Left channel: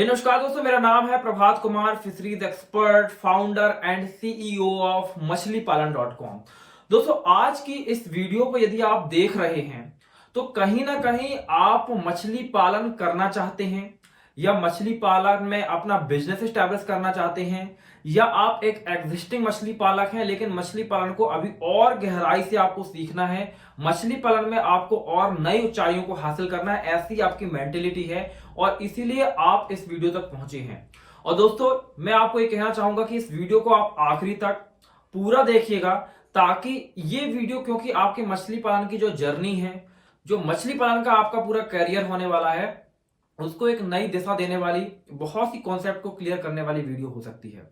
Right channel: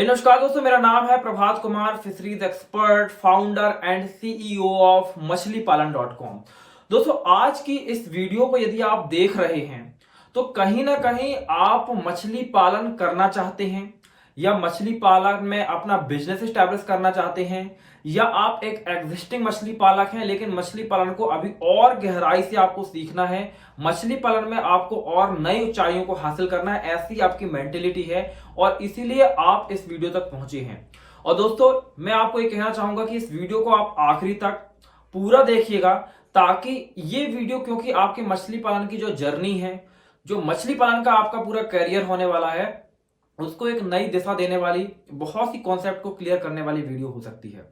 नमस्कार दोस्तों, मेरा नाम है Prabhat Kumar, fisheries expert, founder and CEO of मछलीपालन.com। दोस्तों, आज की इस वीडियो को यदि आप देख रहे हैं तो कहीं ना कहीं आप मछली पालन करना चाहते हैं या मछली पालन में अपना बिजनेस स्टैब्लिश करना चाहते हैं, या आप एक एग्जिस्टिंग मछली पालक हैं लेकिन मछली पालन को अभी और गहराई से आपको सीखना है, मछली पालन में आपको और नई ऊंचाइयों को हासिल करना है, ऐसी आपकी मेंटेलिटी है और इसीलिए आप इस वीडियो तक पहुंचे हैं। और दोस्तों, मैं आपको ये कहना चाहूंगा कि इस वीडियो को आप आखिरी तक पूरा देखिएगा, ताकि ये वीडियो, क्योंकि आपकी मछली पालन की जो जर्नी है, जो मछली पालन का आपका पूरा करियर होने वाला है, उसको एक नई दिशा देने वाली, बहुत सी कॉन्सेप्ट को क्लियर करने वाली वीडियो हो सकती है।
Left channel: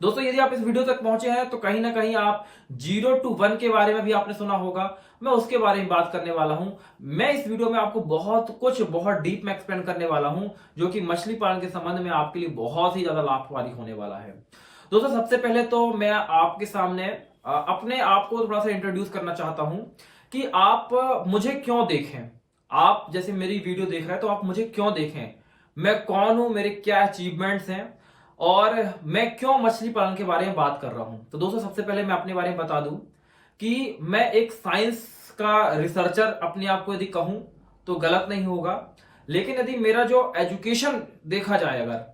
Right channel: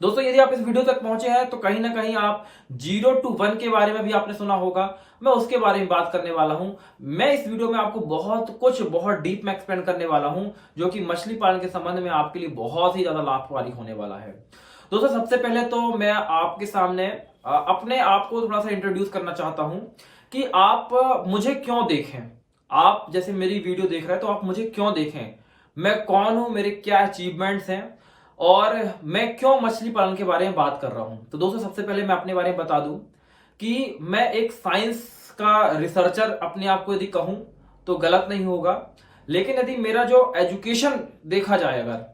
दोस्तों, यदि आप इस वीडियो तक पहुंचे हैं तो कहीं ना कहीं आप 0 to 1 के बारे में भी आपने सुना होगा, मैं उसके बारे में बात करने वाला हूं। मैं इस वीडियो में आपको बहुत डीप में एक्सप्लेन करने वाला हूं, जो कि मछली पालन के संबंध में आपके लिए बहुत ही ज्यादा लाभकारी होने वाला है। दोस्तों, सबसे पहले तो मैं आपके सामने अपने आप को थोड़ा सा इंट्रोड्यूस करना चाहता हूं कि आप मुझे क्यों देखें। आप जैसे मेरी वीडियो देख रहे हैं तो आप मुझे क्यों देखें, मैं कौन हूं, मेरे क्या अचीवमेंट्स हैं और मैं क्यों मछली पालन के बारे में बात कर रहा हूं। तो दोस्तों, सबसे पहले मैं अपने बारे में बता दूं कि मैं एक साइंस का रिसर्चर अपने आप को यदि कहूं तो गलत नहीं होगा, लेकिन यदि मेरा जो एजुकेशन देखा जाए अगर,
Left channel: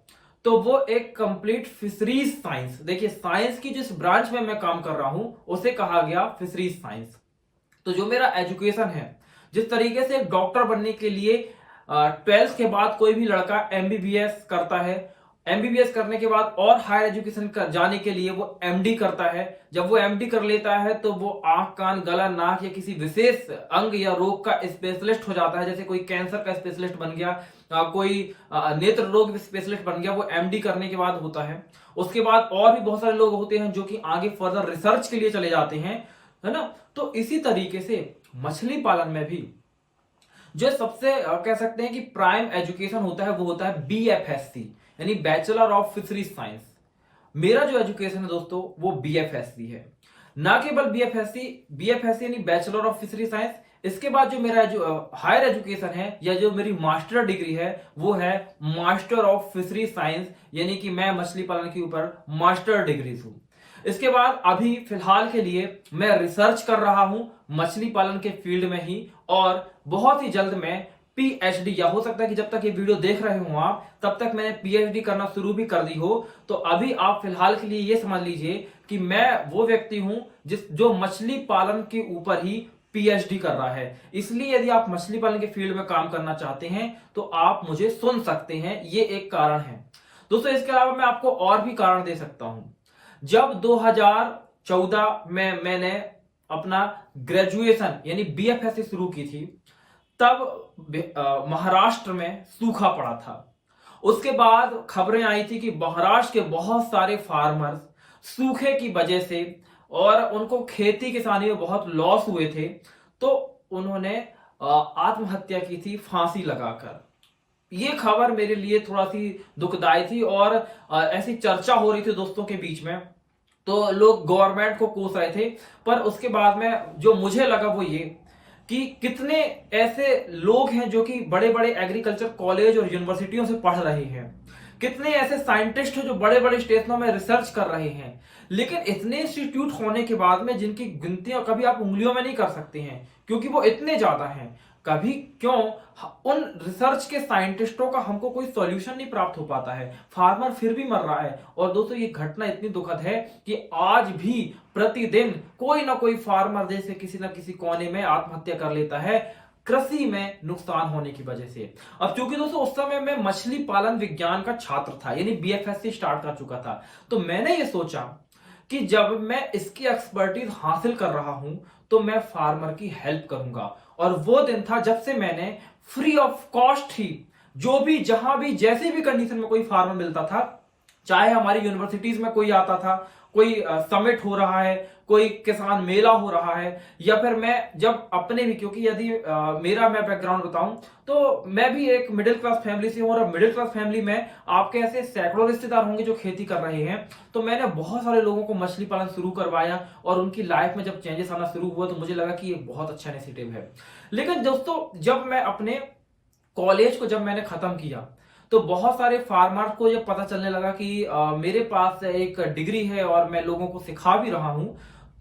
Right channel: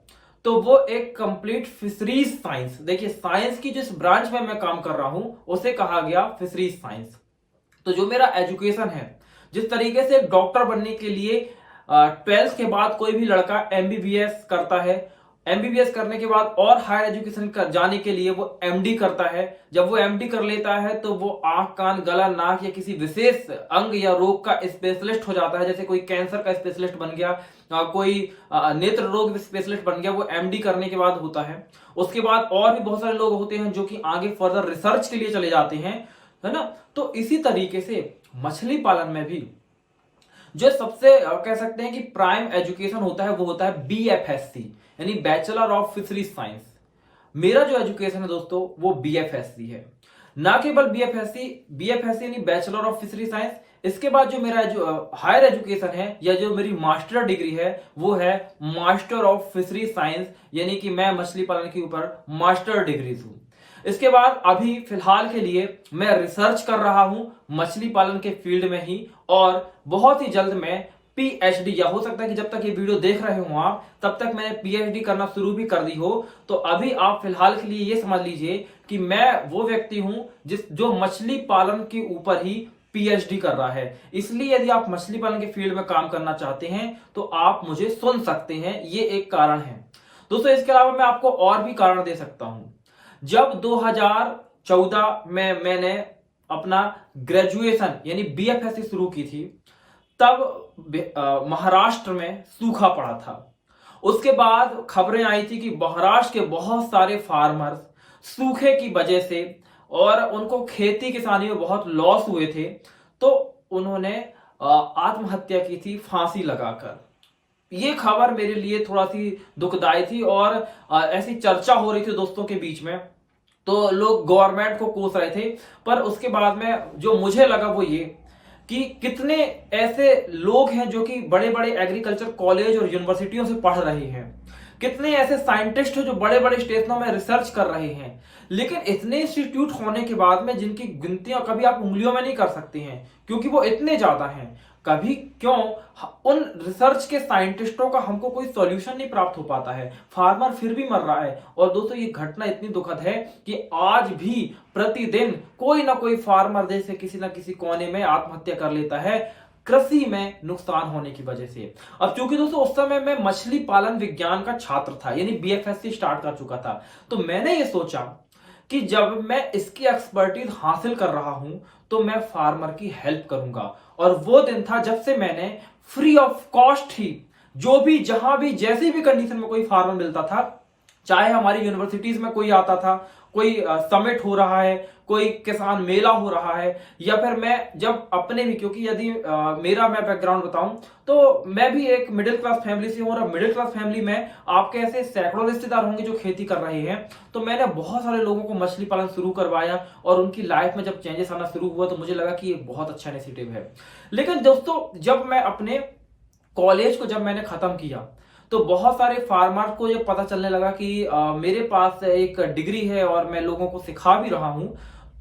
तो वो एक कंप्लीट फिशरीज साइंस, देखिए साइंस की जिस ब्रांच में मैं काम कर रहा हूं उसे कहा गया फिशरीज साइंस। तो जो मेरा एजुकेशन है, जिस तरीके से एक डॉक्टर बनने के लिए 12th के बाद कोई भी लड़का एमबीबीएस करता है, एमबीबीएस करने के बाद और हायर एजुकेशन जाने के लिए वो एमडी करता है, जब वो एमडी कर लेता है तो वो आंख कान गला नाक या किसी विशेष अंग या रोग का स्पेशलिस्ट हो जाता है। जैसे कोई कैंसर का स्पेशलिस्ट बन गया, कोई नेत्र रोग स्पेशलिस्ट बन गया, वो एमडी करने के बाद होता है। उसके बाद और भी बहुत सारे लोग होते हैं जो कि आगे फर्दर रिसर्च के लिए चले जाते हैं, है ना। तो इसी तरीके से मछली पालन में भी जो सबसे कह सकते हैं कि प्राइम एजुकेशन होता है वो होता है बीएफएससी, यानी बैचलर ऑफ फिशरीज साइंस। मेरा जो एजुकेशन है दोस्तों वो बीएफएससी है, ना केवल बीएफएससी यानी बैचलर ऑफ फिशरीज साइंस। इसके बाद जो मेरा हायर एजुकेशन है या जो मेरी मास्टर डिग्री है वो है मास्टर ऑफ फिशरीज साइंस, यानी कि मैं मछली पालन के ऊपर मास्टर डिग्री हूं। इसके बाद अभी फिलहाल के लिए मैं रिसर्च कर रहा हूं मछली पालन के फील्ड में ही, और बहुत ही जल्द मैं पीएचडी, या हो सकता है कि जब तक ये वीडियो देख रहे हो आप तब तक मैंने पीएचडी करना शुरू भी कर दी हो। तो अभी आप फिलहाल के लिए ये समझ लीजिए कि मैं वो व्यक्ति हूं जो मछली पालन के ऊपर ही पीएचडी कर रहा है। इसलिए यदि आप मछली पालन के फील्ड में काम करना चाहते हैं तो आप मुझे सुन सकते हैं, ये एक कारण है। दोस्तों, इसके अलावा मैं आपको और भी कारण दे सकता हूं। जब 2014 में मैंने अपना ग्रेजुएशन यानी बीएफएससी शुरू की थी, तब महाराष्ट्र में सूखा पड़ा था। उसके बाद खबरें आई थी कि महाराष्ट्र के बहुत सारे फार्मर्स सूखे की वजह से और उनको खेती किसानी में बहुत लॉस हुए थे, तो उन्होंने आत्महत्या की थी फांसी लगाकर। ये खबर मेरे लिए थोड़ा सी दुखदाई थी और ऐसी चर्चा हो रही थी दोस्तों के बीच में, तो लोग गवर्नमेंट को कोस रहे थे। पर उसके बाद में जो मुझे लगा वो ये कि कितने ऐसे लोग हैं जो कि बड़े बड़े एग्रीकल्चर कॉलेज और यूनिवर्सिटियों से पढ़ रहे हैं, कितने ऐसे साइंटिस्ट हैं जो बड़े बड़े स्टेशनों में रिसर्च कर रहे हैं, लेकिन इतने इंस्टीट्यूट होने के बाद में जिनकी गिनतियां कभी आप उंगलियों में नहीं कर सकते हैं, क्योंकि वो इतने ज्यादा हैं। कभी क्यों उन रिसर्च के साइंटिस्टों का हमको कोई सॉल्यूशन नहीं प्राप्त हो पाता है, फार्मर फिर भी मर रहा है। और दोस्तों, ये घटना इतनी दुखद है कि आज भी प्रतिदिन कोई ना कोई फार्मर जैसे किसी ना किसी कोने में आत्महत्या कर लेता है कृषि में नुकसान होने की वजह से। अब चूंकि दोस्तों उस समय मैं मछली पालन विज्ञान का छात्र था, यानी बीएफएससी स्टार्ट कर चुका था, तो मैंने ये सोचा कि जब मैं इसकी एक्सपर्टीज हासिल कर रहा हूं तो मैं फार्मर की हेल्प करूंगा। और वो दिन था जब से मैंने फ्री ऑफ कॉस्ट ही जो भी जहां भी जैसी भी कंडीशन में कोई फार्मर मिलता था, चाहे हमारी यूनिवर्सिटीज में कोई आता था, कोई समिट हो रहा है, कोई किसान मेला हो रहा है, या फिर मैं जब अपने भी, क्योंकि यदि मेरा मैं बैकग्राउंड बताऊं तो मैं भी एक मिडिल क्लास फैमिली से हूं, और मिडिल क्लास फैमिली में आपके ऐसे सैकड़ों रिश्तेदार होंगे जो खेती कर रहे हैं। तो मैंने बहुत सारे लोगों को मछली पालन शुरू करवाया और उनकी लाइफ में जब चेंजेस आना शुरू हुआ तो मुझे लगा कि ये बहुत अच्छा इनिशिएटिव है। लेकिन दोस्तों, जब मैं अपने कॉलेज को जब मैंने खत्म किया तो बहुत सारे फार्मर को ये पता चलने लगा कि मेरे पास एक डिग्री है और मैं लोगों को सिखा भी रहा हूं।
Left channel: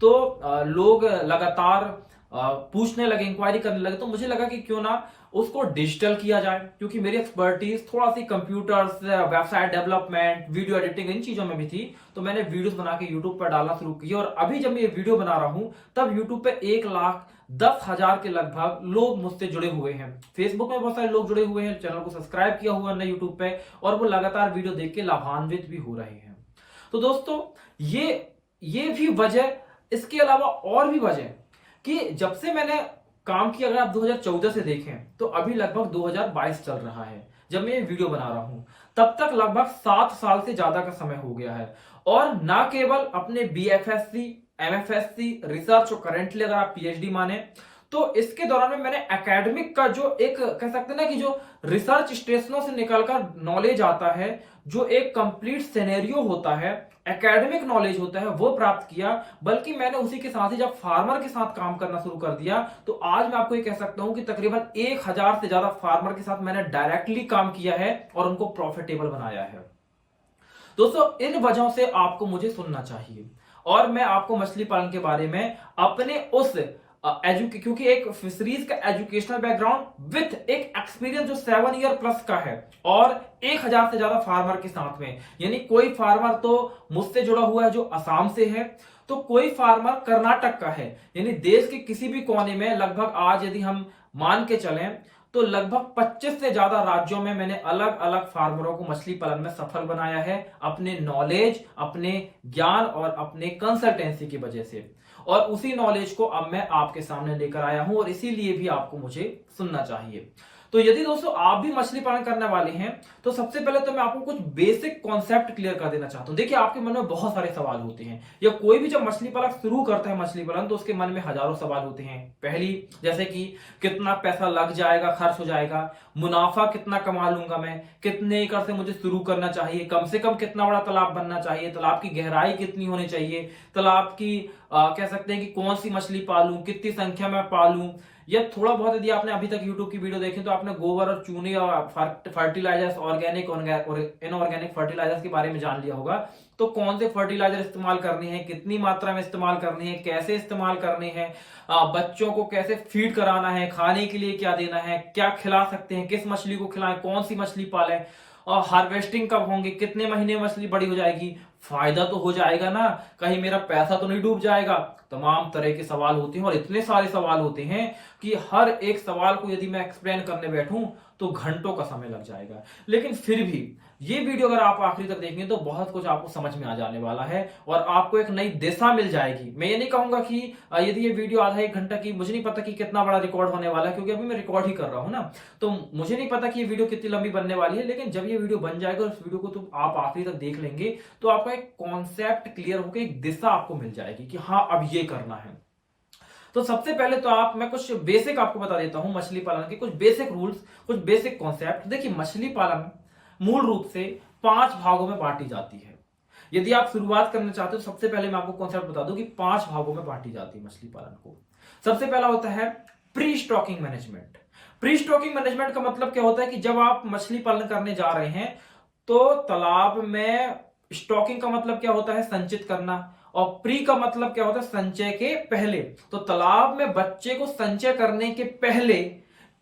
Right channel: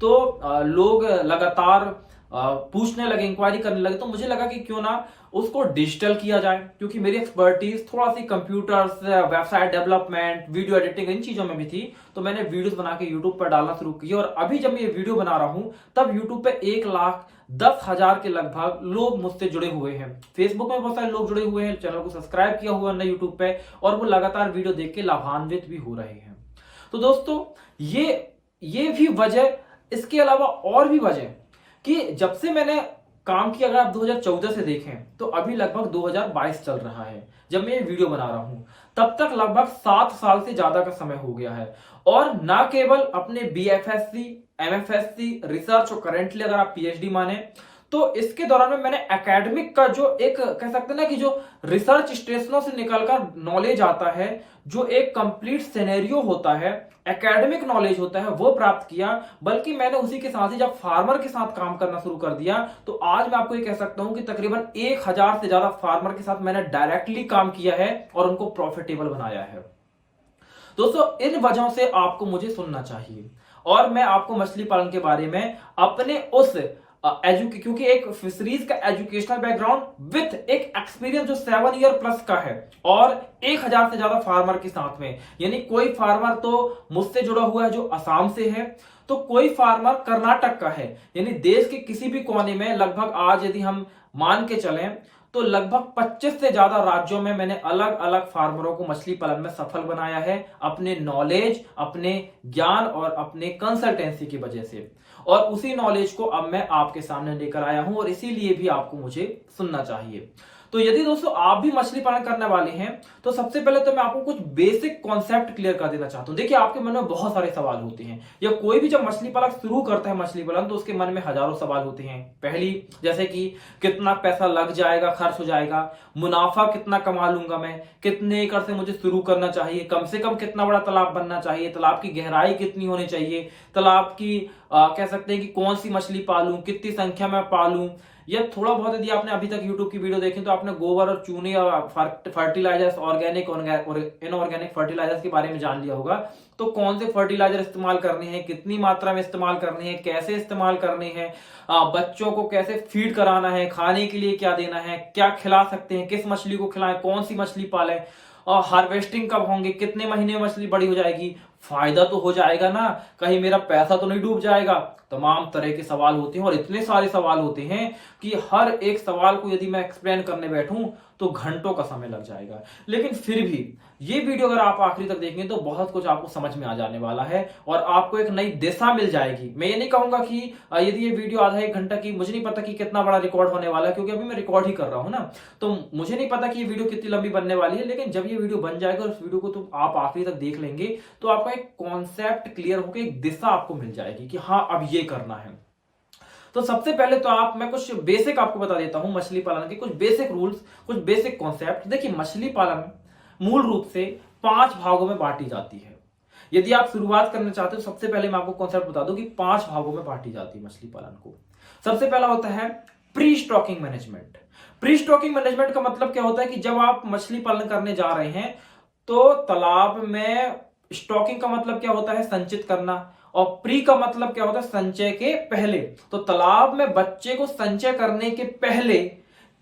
तो लोग लगातार पूछने लगे, इंक्वायरी करने लगे। तो मुझे लगा कि क्यों ना उसको डिजिटल किया जाए, क्योंकि मेरी एक्सपर्टीज थोड़ा सी computers, website development, video editing, इन चीजों में भी थी। तो मैंने वीडियोस बना के यूट्यूब पर डालना शुरू किया और अभी जब मैं ये वीडियो बना रहा हूं तब यूट्यूब पे 1,10,000 के लगभग लोग मुझसे जुड़े हुए हैं। फेसबुक में बहुत सारे लोग जुड़े हुए हैं, चैनल को सब्सक्राइब किया हुआ है यूट्यूब पे, और वो लगातार वीडियो देख के लाभान्वित भी हो रहे हैं। तो दोस्तों ये भी वजह, इसके अलावा और भी वजह कि जब से मैंने काम किया, अगर आप 2014 से देखें तो अभी लगभग 2022 चल रहा है जब मैं ये वीडियो बना रहा हूं, तब तक लगभग 7 साल से ज्यादा का समय हो गया है। और ना केवल अपने BFSC, MFSC, रिसर्च और करेंटली अगर आप PhD माने, तो इसके दौरान में मैंने एकेडमिक का जो एक कह सकते हैं ना कि जो रिसर्च स्टेशनों से निकलकर नॉलेज आता है, जो एक कंप्लीट सिनेरियो होता है, एकेडमिक नॉलेज होता है, वो प्राप्त किया। बल्कि मैंने उसी के साथ ही जब फार्मर के साथ काम करना शुरू कर दिया, तो आज मैं आपको ये कह सकता हूं कि तकरीबन 1,000 से ज्यादा फार्मर के साथ मैंने डायरेक्टली काम किया है और उनको प्रॉफिटेबल बनाया है। दोस्तों, इन वजहों से आपको मुझे सुनना चाहिए और मैं आपको मछली पालन के बारे में अपने उस क्योंकि एक फिशरीज का एजुकेशनल बैकग्राउंड विथ एक एक्सपीरियंस जो 7 ईयर प्लस का है और 1,000 से ज्यादा फार्मर के साथ में, यानी कोई फार्मर तो मुझसे जुड़ा हुआ है जो असम से है, तो कोई फार्मर कर्नाटक का है, यानी देश के किसी भी कोने में लगभग आज यदि हम मान के चलें तो लगभग 25 से ज्यादा राज्यों में मैंने अलग अलग फार्मरों को मछली पालन में सफल बनाया है, अपने नॉलेज, अपने ज्ञान और अपने कंसल्टेंसी की वजह से। और उसी नॉलेज को अब मैं आपके सामने लेकर आया हूं और इसीलिए भी आपको मुझे सुनना चाहिए। तो यदि दोस्तों आप भी मछली पालन करने वाले हैं, तो सबसे पहले तो मैं आपको कुछ बेसिक कॉन्सेप्ट क्लियर कर देना चाहता हूं। देखिए, आपके मन में बहुत सारे सवाल होते हैं, या कोई भी जब मछली पालन शुरू करता है मछली पालन, तो उसके मन में हजारों सवाल होते हैं। पहली, जैसे कि कितना पैसा लग जाएगा, खर्च हो जाएगा, मुनाफा कितना कमा लूंगा मैं, कितने एकड़ से मुझे शुरू करना चाहिए, कम से कम कितना बड़ा तालाब बनना चाहिए, तालाब की गहराई कितनी होनी चाहिए, तालाब की कह सकते हैं कि कौन सी मछली पालूं, कितनी संख्या में पालूं, या थोड़ा बहुत यदि आपने अभी तक YouTube की वीडियो देखी तो आपने गोबर और चूने और फर्टिलाइजर्स, ऑर्गेनिक और इनऑर्गेनिक फर्टिलाइजर्स के बारे में जान लिया होगा। तो कौन से फर्टिलाइजर इस्तेमाल करने हैं, कितनी मात्रा में इस्तेमाल करने हैं, कैसे इस्तेमाल करने हैं, बच्चों को कैसे फीड कराना है, खाने के लिए क्या देना है, क्या खिला सकते हैं, किस मछली को खिलाएं, कौन सी मछली पालें, और हार्वेस्टिंग कब होंगे, कितने महीने में मछली बड़ी हो जाएगी, फायदा तो हो जाएगा ना, कहीं मेरा पैसा तो नहीं डूब जाएगा। तमाम तरह के सवाल होते हैं और इतने सारे सवाल होते हैं कि हर एक सवाल को यदि मैं एक्सप्लेन करने बैठूं तो घंटों का समय लग जाएगा। लेकिन फिर भी ये वीडियो अगर आप आखिरी तक देखेंगे तो बहुत कुछ आपको समझ में आ जाने वाला है और आपको एक नई दिशा मिल जाएगी। मैं ये नहीं कहूंगा कि यदि ये वीडियो आधा 1 घंटा की, मुझे नहीं पता कि कितना बड़ा रिकॉर्ड होने वाला है, क्योंकि अभी मैं रिकॉर्ड ही कर रहा हूं ना, तो मुझे नहीं पता कि ये वीडियो कितनी लंबी बनने वाली है। लेकिन जब ये वीडियो बन जाएगा, उस वीडियो को तो आप आखिरी तक देख लेंगे तो आपका एक कॉन्सेप्ट क्लियर होकर एक दिशा आपको मिल जाएगी कि हाँ, अब ये करना है। तो सबसे पहले तो मैं कुछ बेसिक आपको बता देता हूं मछली पालन के, कुछ बेसिक रूल्स, कुछ बेसिक कॉन्सेप्ट। देखिए, मछली पालन मूल रूप से 5 भागों में बांटी जाती है। यदि आप शुरुआत करना चाहते हो, सबसे पहले मैं आपको कॉन्सेप्ट बता दूं कि 5 भागों में बांटी जाती है मछली पालन को। सबसे पहला होता है pre stocking management. Pre stocking management का मतलब क्या होता है कि जब आप मछली पालन करने जा रहे हैं तो तालाब में स्टॉकिंग का मतलब क्या होता है, संचित करना, और प्री का मतलब क्या होता है, संचय के पहले। तो तालाब में बच्चे को संचय करने के पहले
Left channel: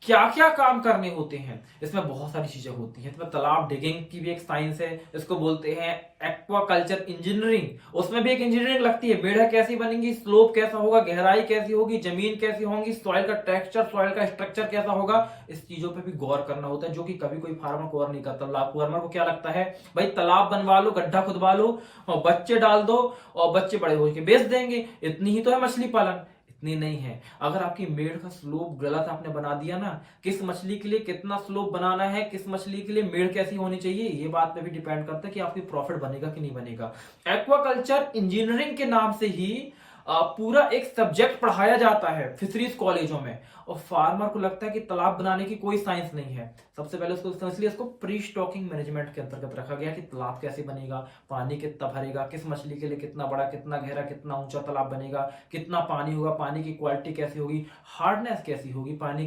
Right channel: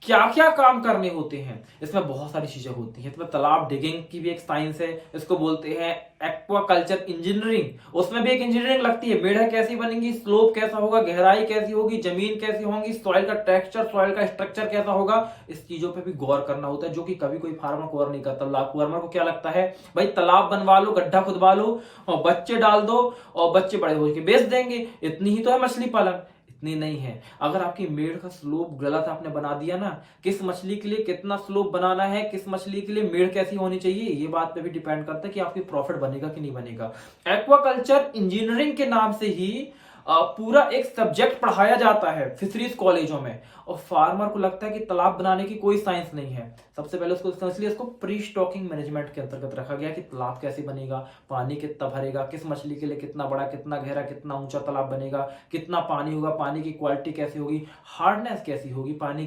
क्या क्या काम करने होते हैं, इसमें बहुत सारी चीजें होती हैं। इसमें तालाब डिगिंग की भी एक साइंस है, इसको बोलते हैं एक्वाकल्चर इंजीनियरिंग। उसमें भी एक इंजीनियरिंग लगती है, मेढ़ कैसी बनेगी, स्लोप कैसा होगा, गहराई कैसी होगी, जमीन कैसी होगी, सॉइल का टेक्सचर, सॉइल का स्ट्रक्चर कैसा होगा, इस चीजों पे भी गौर करना होता है, जो कि कभी कोई फार्मर गौर नहीं करता। फार्मर को क्या लगता है, भाई तालाब बनवा लो, गड्ढा खुदवा लो और बच्चे डाल दो और बच्चे बड़े होकर बेच देंगे, इतनी ही तो है मछली पालन। इतनी नहीं है। अगर आपकी मेढ़ का स्लोप गलत आपने बना दिया ना, किस मछली के लिए कितना स्लोप बनाना है, किस मछली के लिए मेढ़ कैसी होनी चाहिए, ये बात पे भी डिपेंड करता है कि आपकी प्रॉफिट बनेगा कि नहीं बनेगा। एक्वाकल्चर इंजीनियरिंग के नाम से ही पूरा एक सब्जेक्ट पढ़ाया जाता है फिशरीज कॉलेजों में, और फार्मर को लगता है कि तालाब बनाने की कोई साइंस नहीं है। सबसे पहले उसको इसलिए इसको प्री स्टॉकिंग मैनेजमेंट के अंतर्गत रखा गया कि तालाब कैसे बनेगा, पानी कितना भरेगा, किस मछली के लिए कितना बड़ा, कितना गहरा, कितना ऊंचा तालाब बनेगा, कितना पानी होगा, पानी की क्वालिटी कैसी होगी, हार्डनेस कैसी होगी पानी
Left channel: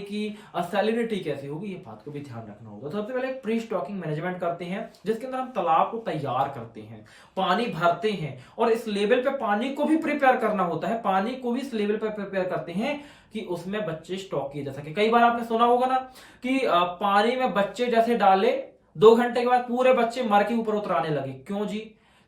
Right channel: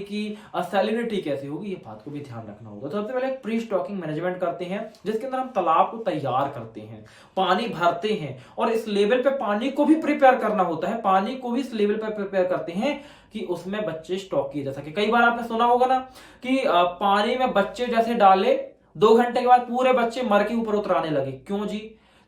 की सैलिनिटी कैसी होगी, ये बात को भी ध्यान रखना होगा। तो सबसे पहले प्री स्टॉकिंग मैनेजमेंट करते हैं जिसके अंदर हम तालाब को तैयार करते हैं, पानी भरते हैं और इस लेवल पे पानी को भी प्रिपेयर करना होता है, पानी को भी इस लेवल पे प्रिपेयर करते हैं कि उसमें बच्चे स्टॉक किए जा सके। कई बार आपने सुना होगा ना कि पानी में बच्चे जैसे डाले 2 घंटे के बाद पूरे बच्चे मर के ऊपर उतराने लगे। क्यों जी?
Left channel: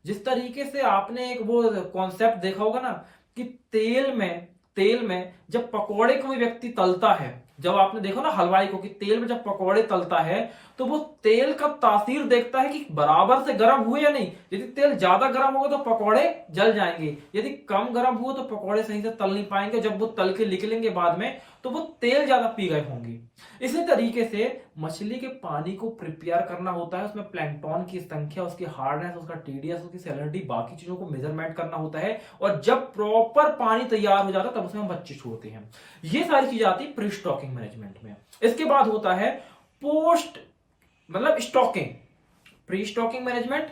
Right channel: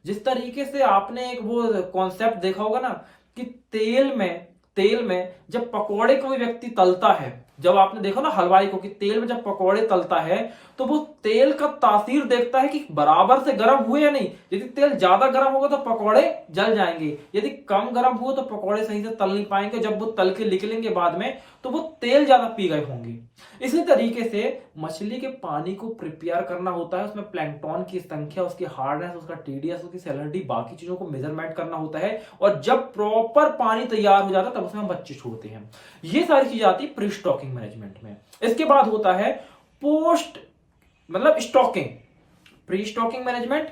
जिस तरीके से आपने एक वो कॉन्सेप्ट देखा होगा ना कि तेल में जब पकोड़े कोई व्यक्ति तलता है, जब आपने देखा ना हलवाई को कि तेल में जब पकोड़े तलता है तो वो तेल का तासीर देखता है कि बराबर से गर्म हुए या नहीं। यदि तेल ज्यादा गर्म होगा तो पकोड़े जल जाएंगे, यदि कम गर्म हुआ तो पकोड़े सही से तल नहीं पाएंगे। जब वो तल के निकलेंगे बाद में तो वो तेल ज्यादा पी गए होंगे। इसी तरीके से मछली के पानी को प्रिपेयर करना होता है, उसमें प्लैंकटन की संख्या, उसकी हार्डनेस, उसका टीडीएस, उसकी सैलिनिटी, बाकी चीजों को मेजरमेंट करना होता है। और जब प्रॉपर पानी तैयार हो जाता है तब उसमें हम बच्चे छोड़ते हैं। ये सारी चीजें आती है प्री स्टॉकिंग मैनेजमेंट में। इसके बाद होता है पोस्ट मतलब स्टॉकिंग, प्री स्टॉकिंग मैनेजमेंट,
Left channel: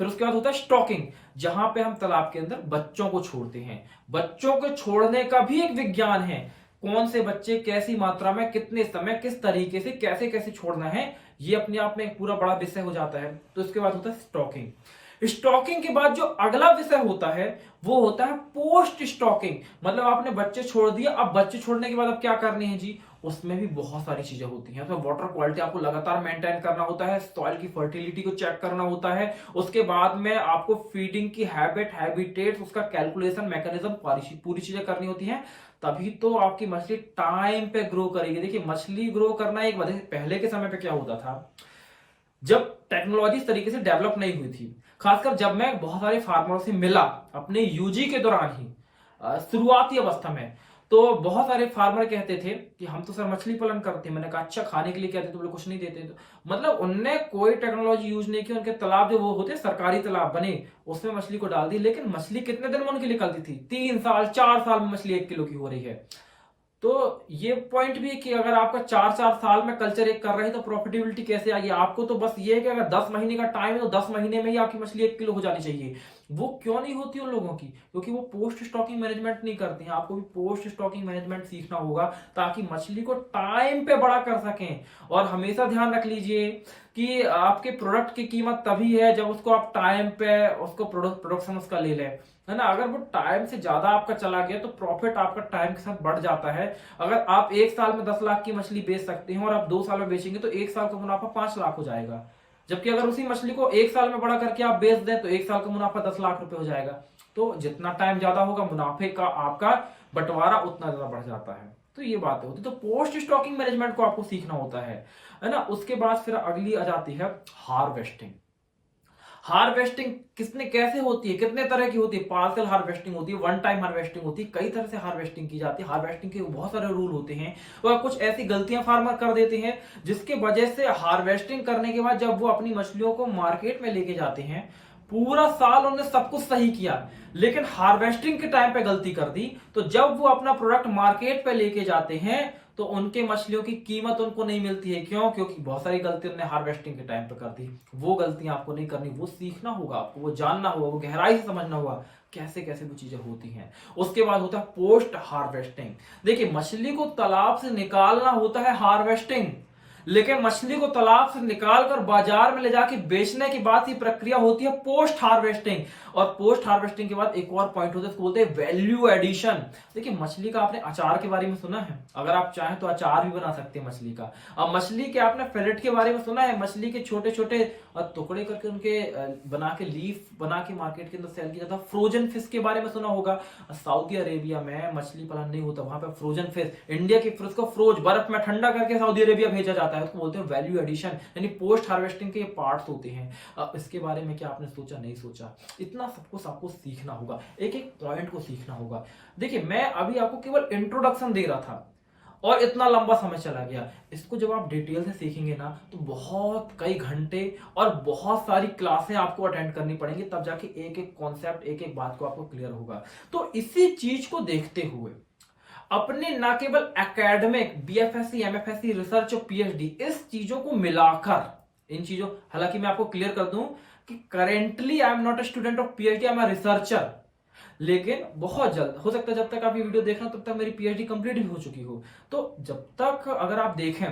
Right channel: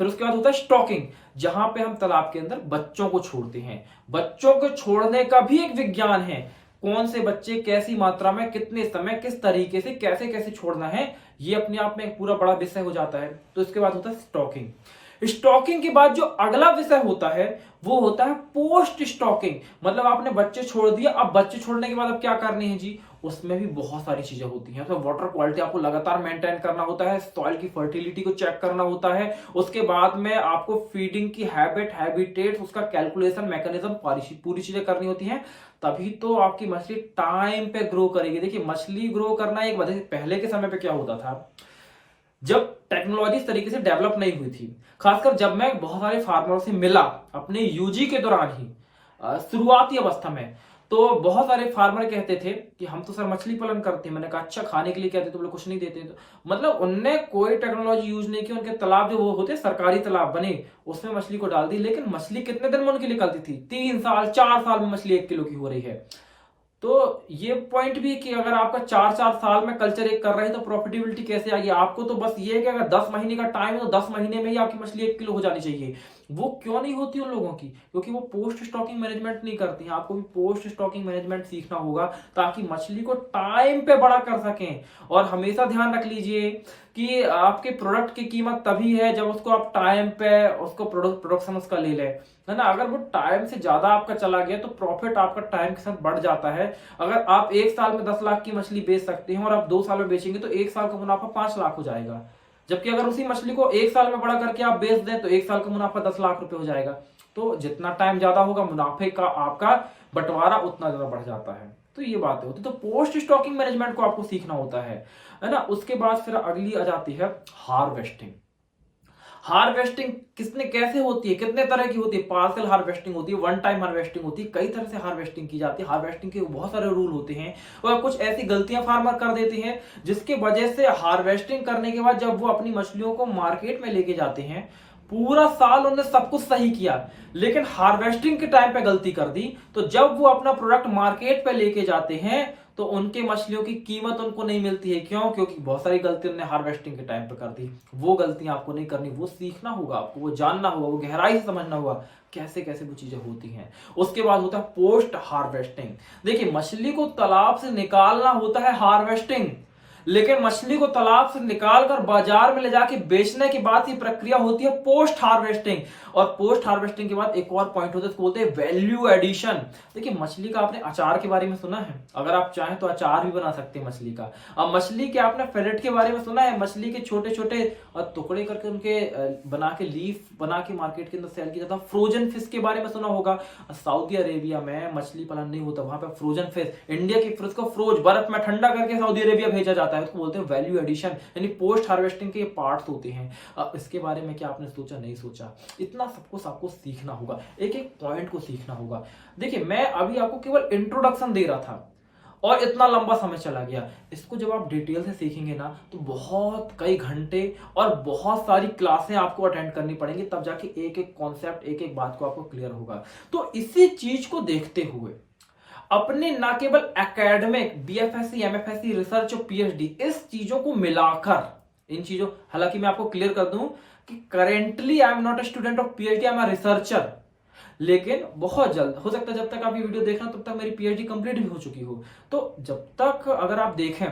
फिर उसके बाद होता है स्टॉकिंग, जहां पे हम तालाब के अंदर बच्चों को छोड़ते हैं। बच्चों को छोड़ने का भी एक विज्ञान है, कौन से बच्चे कैसी मात्रा में, कितने समय, किस तरीके से, कैसे कैसे छोड़ना है, ये अपने आप में एक पूरा बड़ा विषय हो जाता है। तो इसके बाद होता है स्टॉकिंग। स्टॉकिंग के बाद जो अगला विषय होता है वो होता है पोस्ट स्टॉकिंग। मतलब आपने बच्चे छोड़ दिया, अब बच्चे छोड़ने के बाद अब क्या करनी है जी, उसमें भी बहुत सारी चीजें होती हैं। तो वाटर क्वालिटी आपको लगातार मेंटेन करना होता है, सॉइल की फर्टिलिटी को चेक करना होता है, उसके बाद में आपको फीडिंग की हैबिटेट, उसका कैलकुलेशन मैकेनिज्म, पूरी चीजें करनी होती हैं। तभी तो आपकी मछली टाइम पे ग्रो करेगी। देखिए मछली ग्रो करना एक वजह, पहले के समय पे क्या होता था, जब टेक्नोलॉजी इस तरीके से डेवलप नहीं हुई थी, खासकर जब मैं बहुत सारे फार्मरों से मिला अपने यूजी के दौरान ही शुरुआती अवस्था में, तो बहुत सारे फार्मर कहते थे कि हम तो सर मछली पालन करते हैं। मैंने कहा अच्छा खाने के लिए कहते तो बोले कुछ नहीं देते। तो मतलब उनने कोई टेक्नोलॉजी यूज नहीं की, उनके तालाब जो वो होते सरकारी तालाब बने उसमें मछली को डाल दी, लेकिन मछली कितने दिन में उनकी निकलती थी, 3 साल 4 साल में मछली 1 किलो की हो रही है। तो ये पॉइंट भी कि अगर आपका 4 साल में कल्चर एक कर रहे हैं तो प्रॉफिटेबिलिटी कैसे आएगी। आपको तो बस ये है कि अगर 10 महीने का टाइम है तो 10 महीने में ही आपकी मछली 1 किलो हो जानी चाहिए। वो क्यों नहीं होती उन लोगों की, क्योंकि वो पोस्ट स्टॉकिंग मैनेजमेंट नहीं करते हैं। आपको भी पोस्ट स्टॉकिंग मैनेजमेंट सीखना होगा ताकि मछली को टाइम पे बड़ा कर सकें। और हमेशा ध्यान रख लीजिए कि आपके प्रोडक्ट की कीमत तभी है जब उसको आप टाइम पे उसको प्रोडक्शन उसका ले लें, है ना। अगर वो टाइम से ज्यादा आपका चला गया तो प्रॉफिट आपका टाइम के साथ बढ़ जाता है। अगर आप 1 साल में 10 लाख की मछली बेच सकते हैं और आप 2 साल में बेचेंगे तो 1 साल का मुनाफा 5 लाख हो जाएगा। जबकि अगर उसी मछली को 1 साल में बड़ा करके आप बेच दें तो 1 साल का मुनाफा 10 लाख रुपए हो जाएगा। तो जितना टाइम ज्यादा होगा मुनाफे का आपका बंटवारा उतना ज्यादा बढ़ जाता है। तो ये बात होती है। तो पोस्ट स्टॉकिंग मैनेजमेंट को आपको सीखना होता है ना। उसके बाद फिर अगली आ जाती है हार्वेस्टिंग। हार्वेस्टिंग किसने कैसे होती है, कितने तरह की होती है। पार्सल हार्वेस्टिंग होती है, वन टाइम हार्वेस्टिंग होती है, कई तरह से हार्वेस्टिंग की जाती है। हार्वेस्टिंग के बहुत सारे रूल होते हैं और कुछ ऐसी गलतियां फार्मर कर देते हैं जिसके वजह से हार्वेस्टिंग करने के बाद जब वो अपनी मछलियों को मार्केट में लेके जाते हैं, पूरा साल उन्होंने सब कुछ सही किया लेकिन हार्वेस्टिंग के टाइम पे गलती कर दी, तो जब वो अपना प्रोडक्ट मार्केट पे लेके जाते हैं तो उनके मछलियों की कीमत उनको नहीं मिलती है। क्यों? क्योंकि बहुत सारी गलती उन्होंने हार्वेस्टिंग के टाइम पे कर दी। वो गलतियां आपको नहीं करनी, वो सीखना होगा आपको, वो जानना होगा, वो गहराई से समझना होगा कैसे कैसे वो चीजें होती हैं। उसके बाद होता है पोस्ट हार्वेस्टिंग। देखिए मछली को तालाब से निकालना होता है हार्वेस्टिंग, लेकिन मछली को तालाब से निकालकर बाजार में ले जाके बेचने के बाद की प्रक्रिया होती है पोस्ट हार्वेस्टिंग। और पोस्ट हार्वेस्टिंग के बाद एक और पॉइंट होता है, इसको बोलते हैं वैल्यू एडिशन। देखिए मछली का आपने अचार के बारे में सुना है, अगर आप चाहें तो अचार भी बना सकते हैं मछली का। अब मछली के आपने फिलेट के बारे में सुना है, मछली के छोटे छोटे टुकड़े करके उनके बना के लीफ बना के मार्केट के अंदर सेल किया जाता है। फ्रोजन फिश के बारे में सुना होगा, सऊदी अरेबिया में मछली पालन नहीं होता, वहां पे फ्रोजन फिश, इंडिया की फिश को फ्रोज बर्फ में ठंडा करके सऊदी अरेबिया भेजा जाता है, उसको बोलते हैं वैल्यू एडिशन। यानी पोस्ट हार्वेस्टिंग के पार्ट्स होते हैं। इसके बारे में क्या आपने सोचा, नहीं सोचा, इतना सबको सीखना होगा, एक एक पॉइंट को सीखना होगा। देखिए मैं अभी आपको केवल इंट्रोडक्शन दे रहा था और इतना लंबा समय चला गया। इसको जब आप डिटेल से सीखेंगे ना तो बहुत कई घंटे और बहुत सारी क्लासें आपको अटेंड करनी पड़ेंगी, तब जाके एक एक कॉन्सेप्ट, एक एक बात को आपको क्लियर होगा। तो इसी चीज को देखते हुए अपने ना केवल एकेडमिक बीएफएससी, एमएफएससी, रिसर्च और पीएचडी इस चीजों को मिलाकर इन चीजों, हालांकि मैं आपको क्लियर कर दूं कि currently I am not a student of PhD, I am a researcher, लेकिन बहुत जल्द हो सकता है, जब तक आप ये वीडियो देख रहे हो तब तक मेरी पीएचडी कंप्लीट भी हो चुकी हो। तो जब तक अगर आप देखें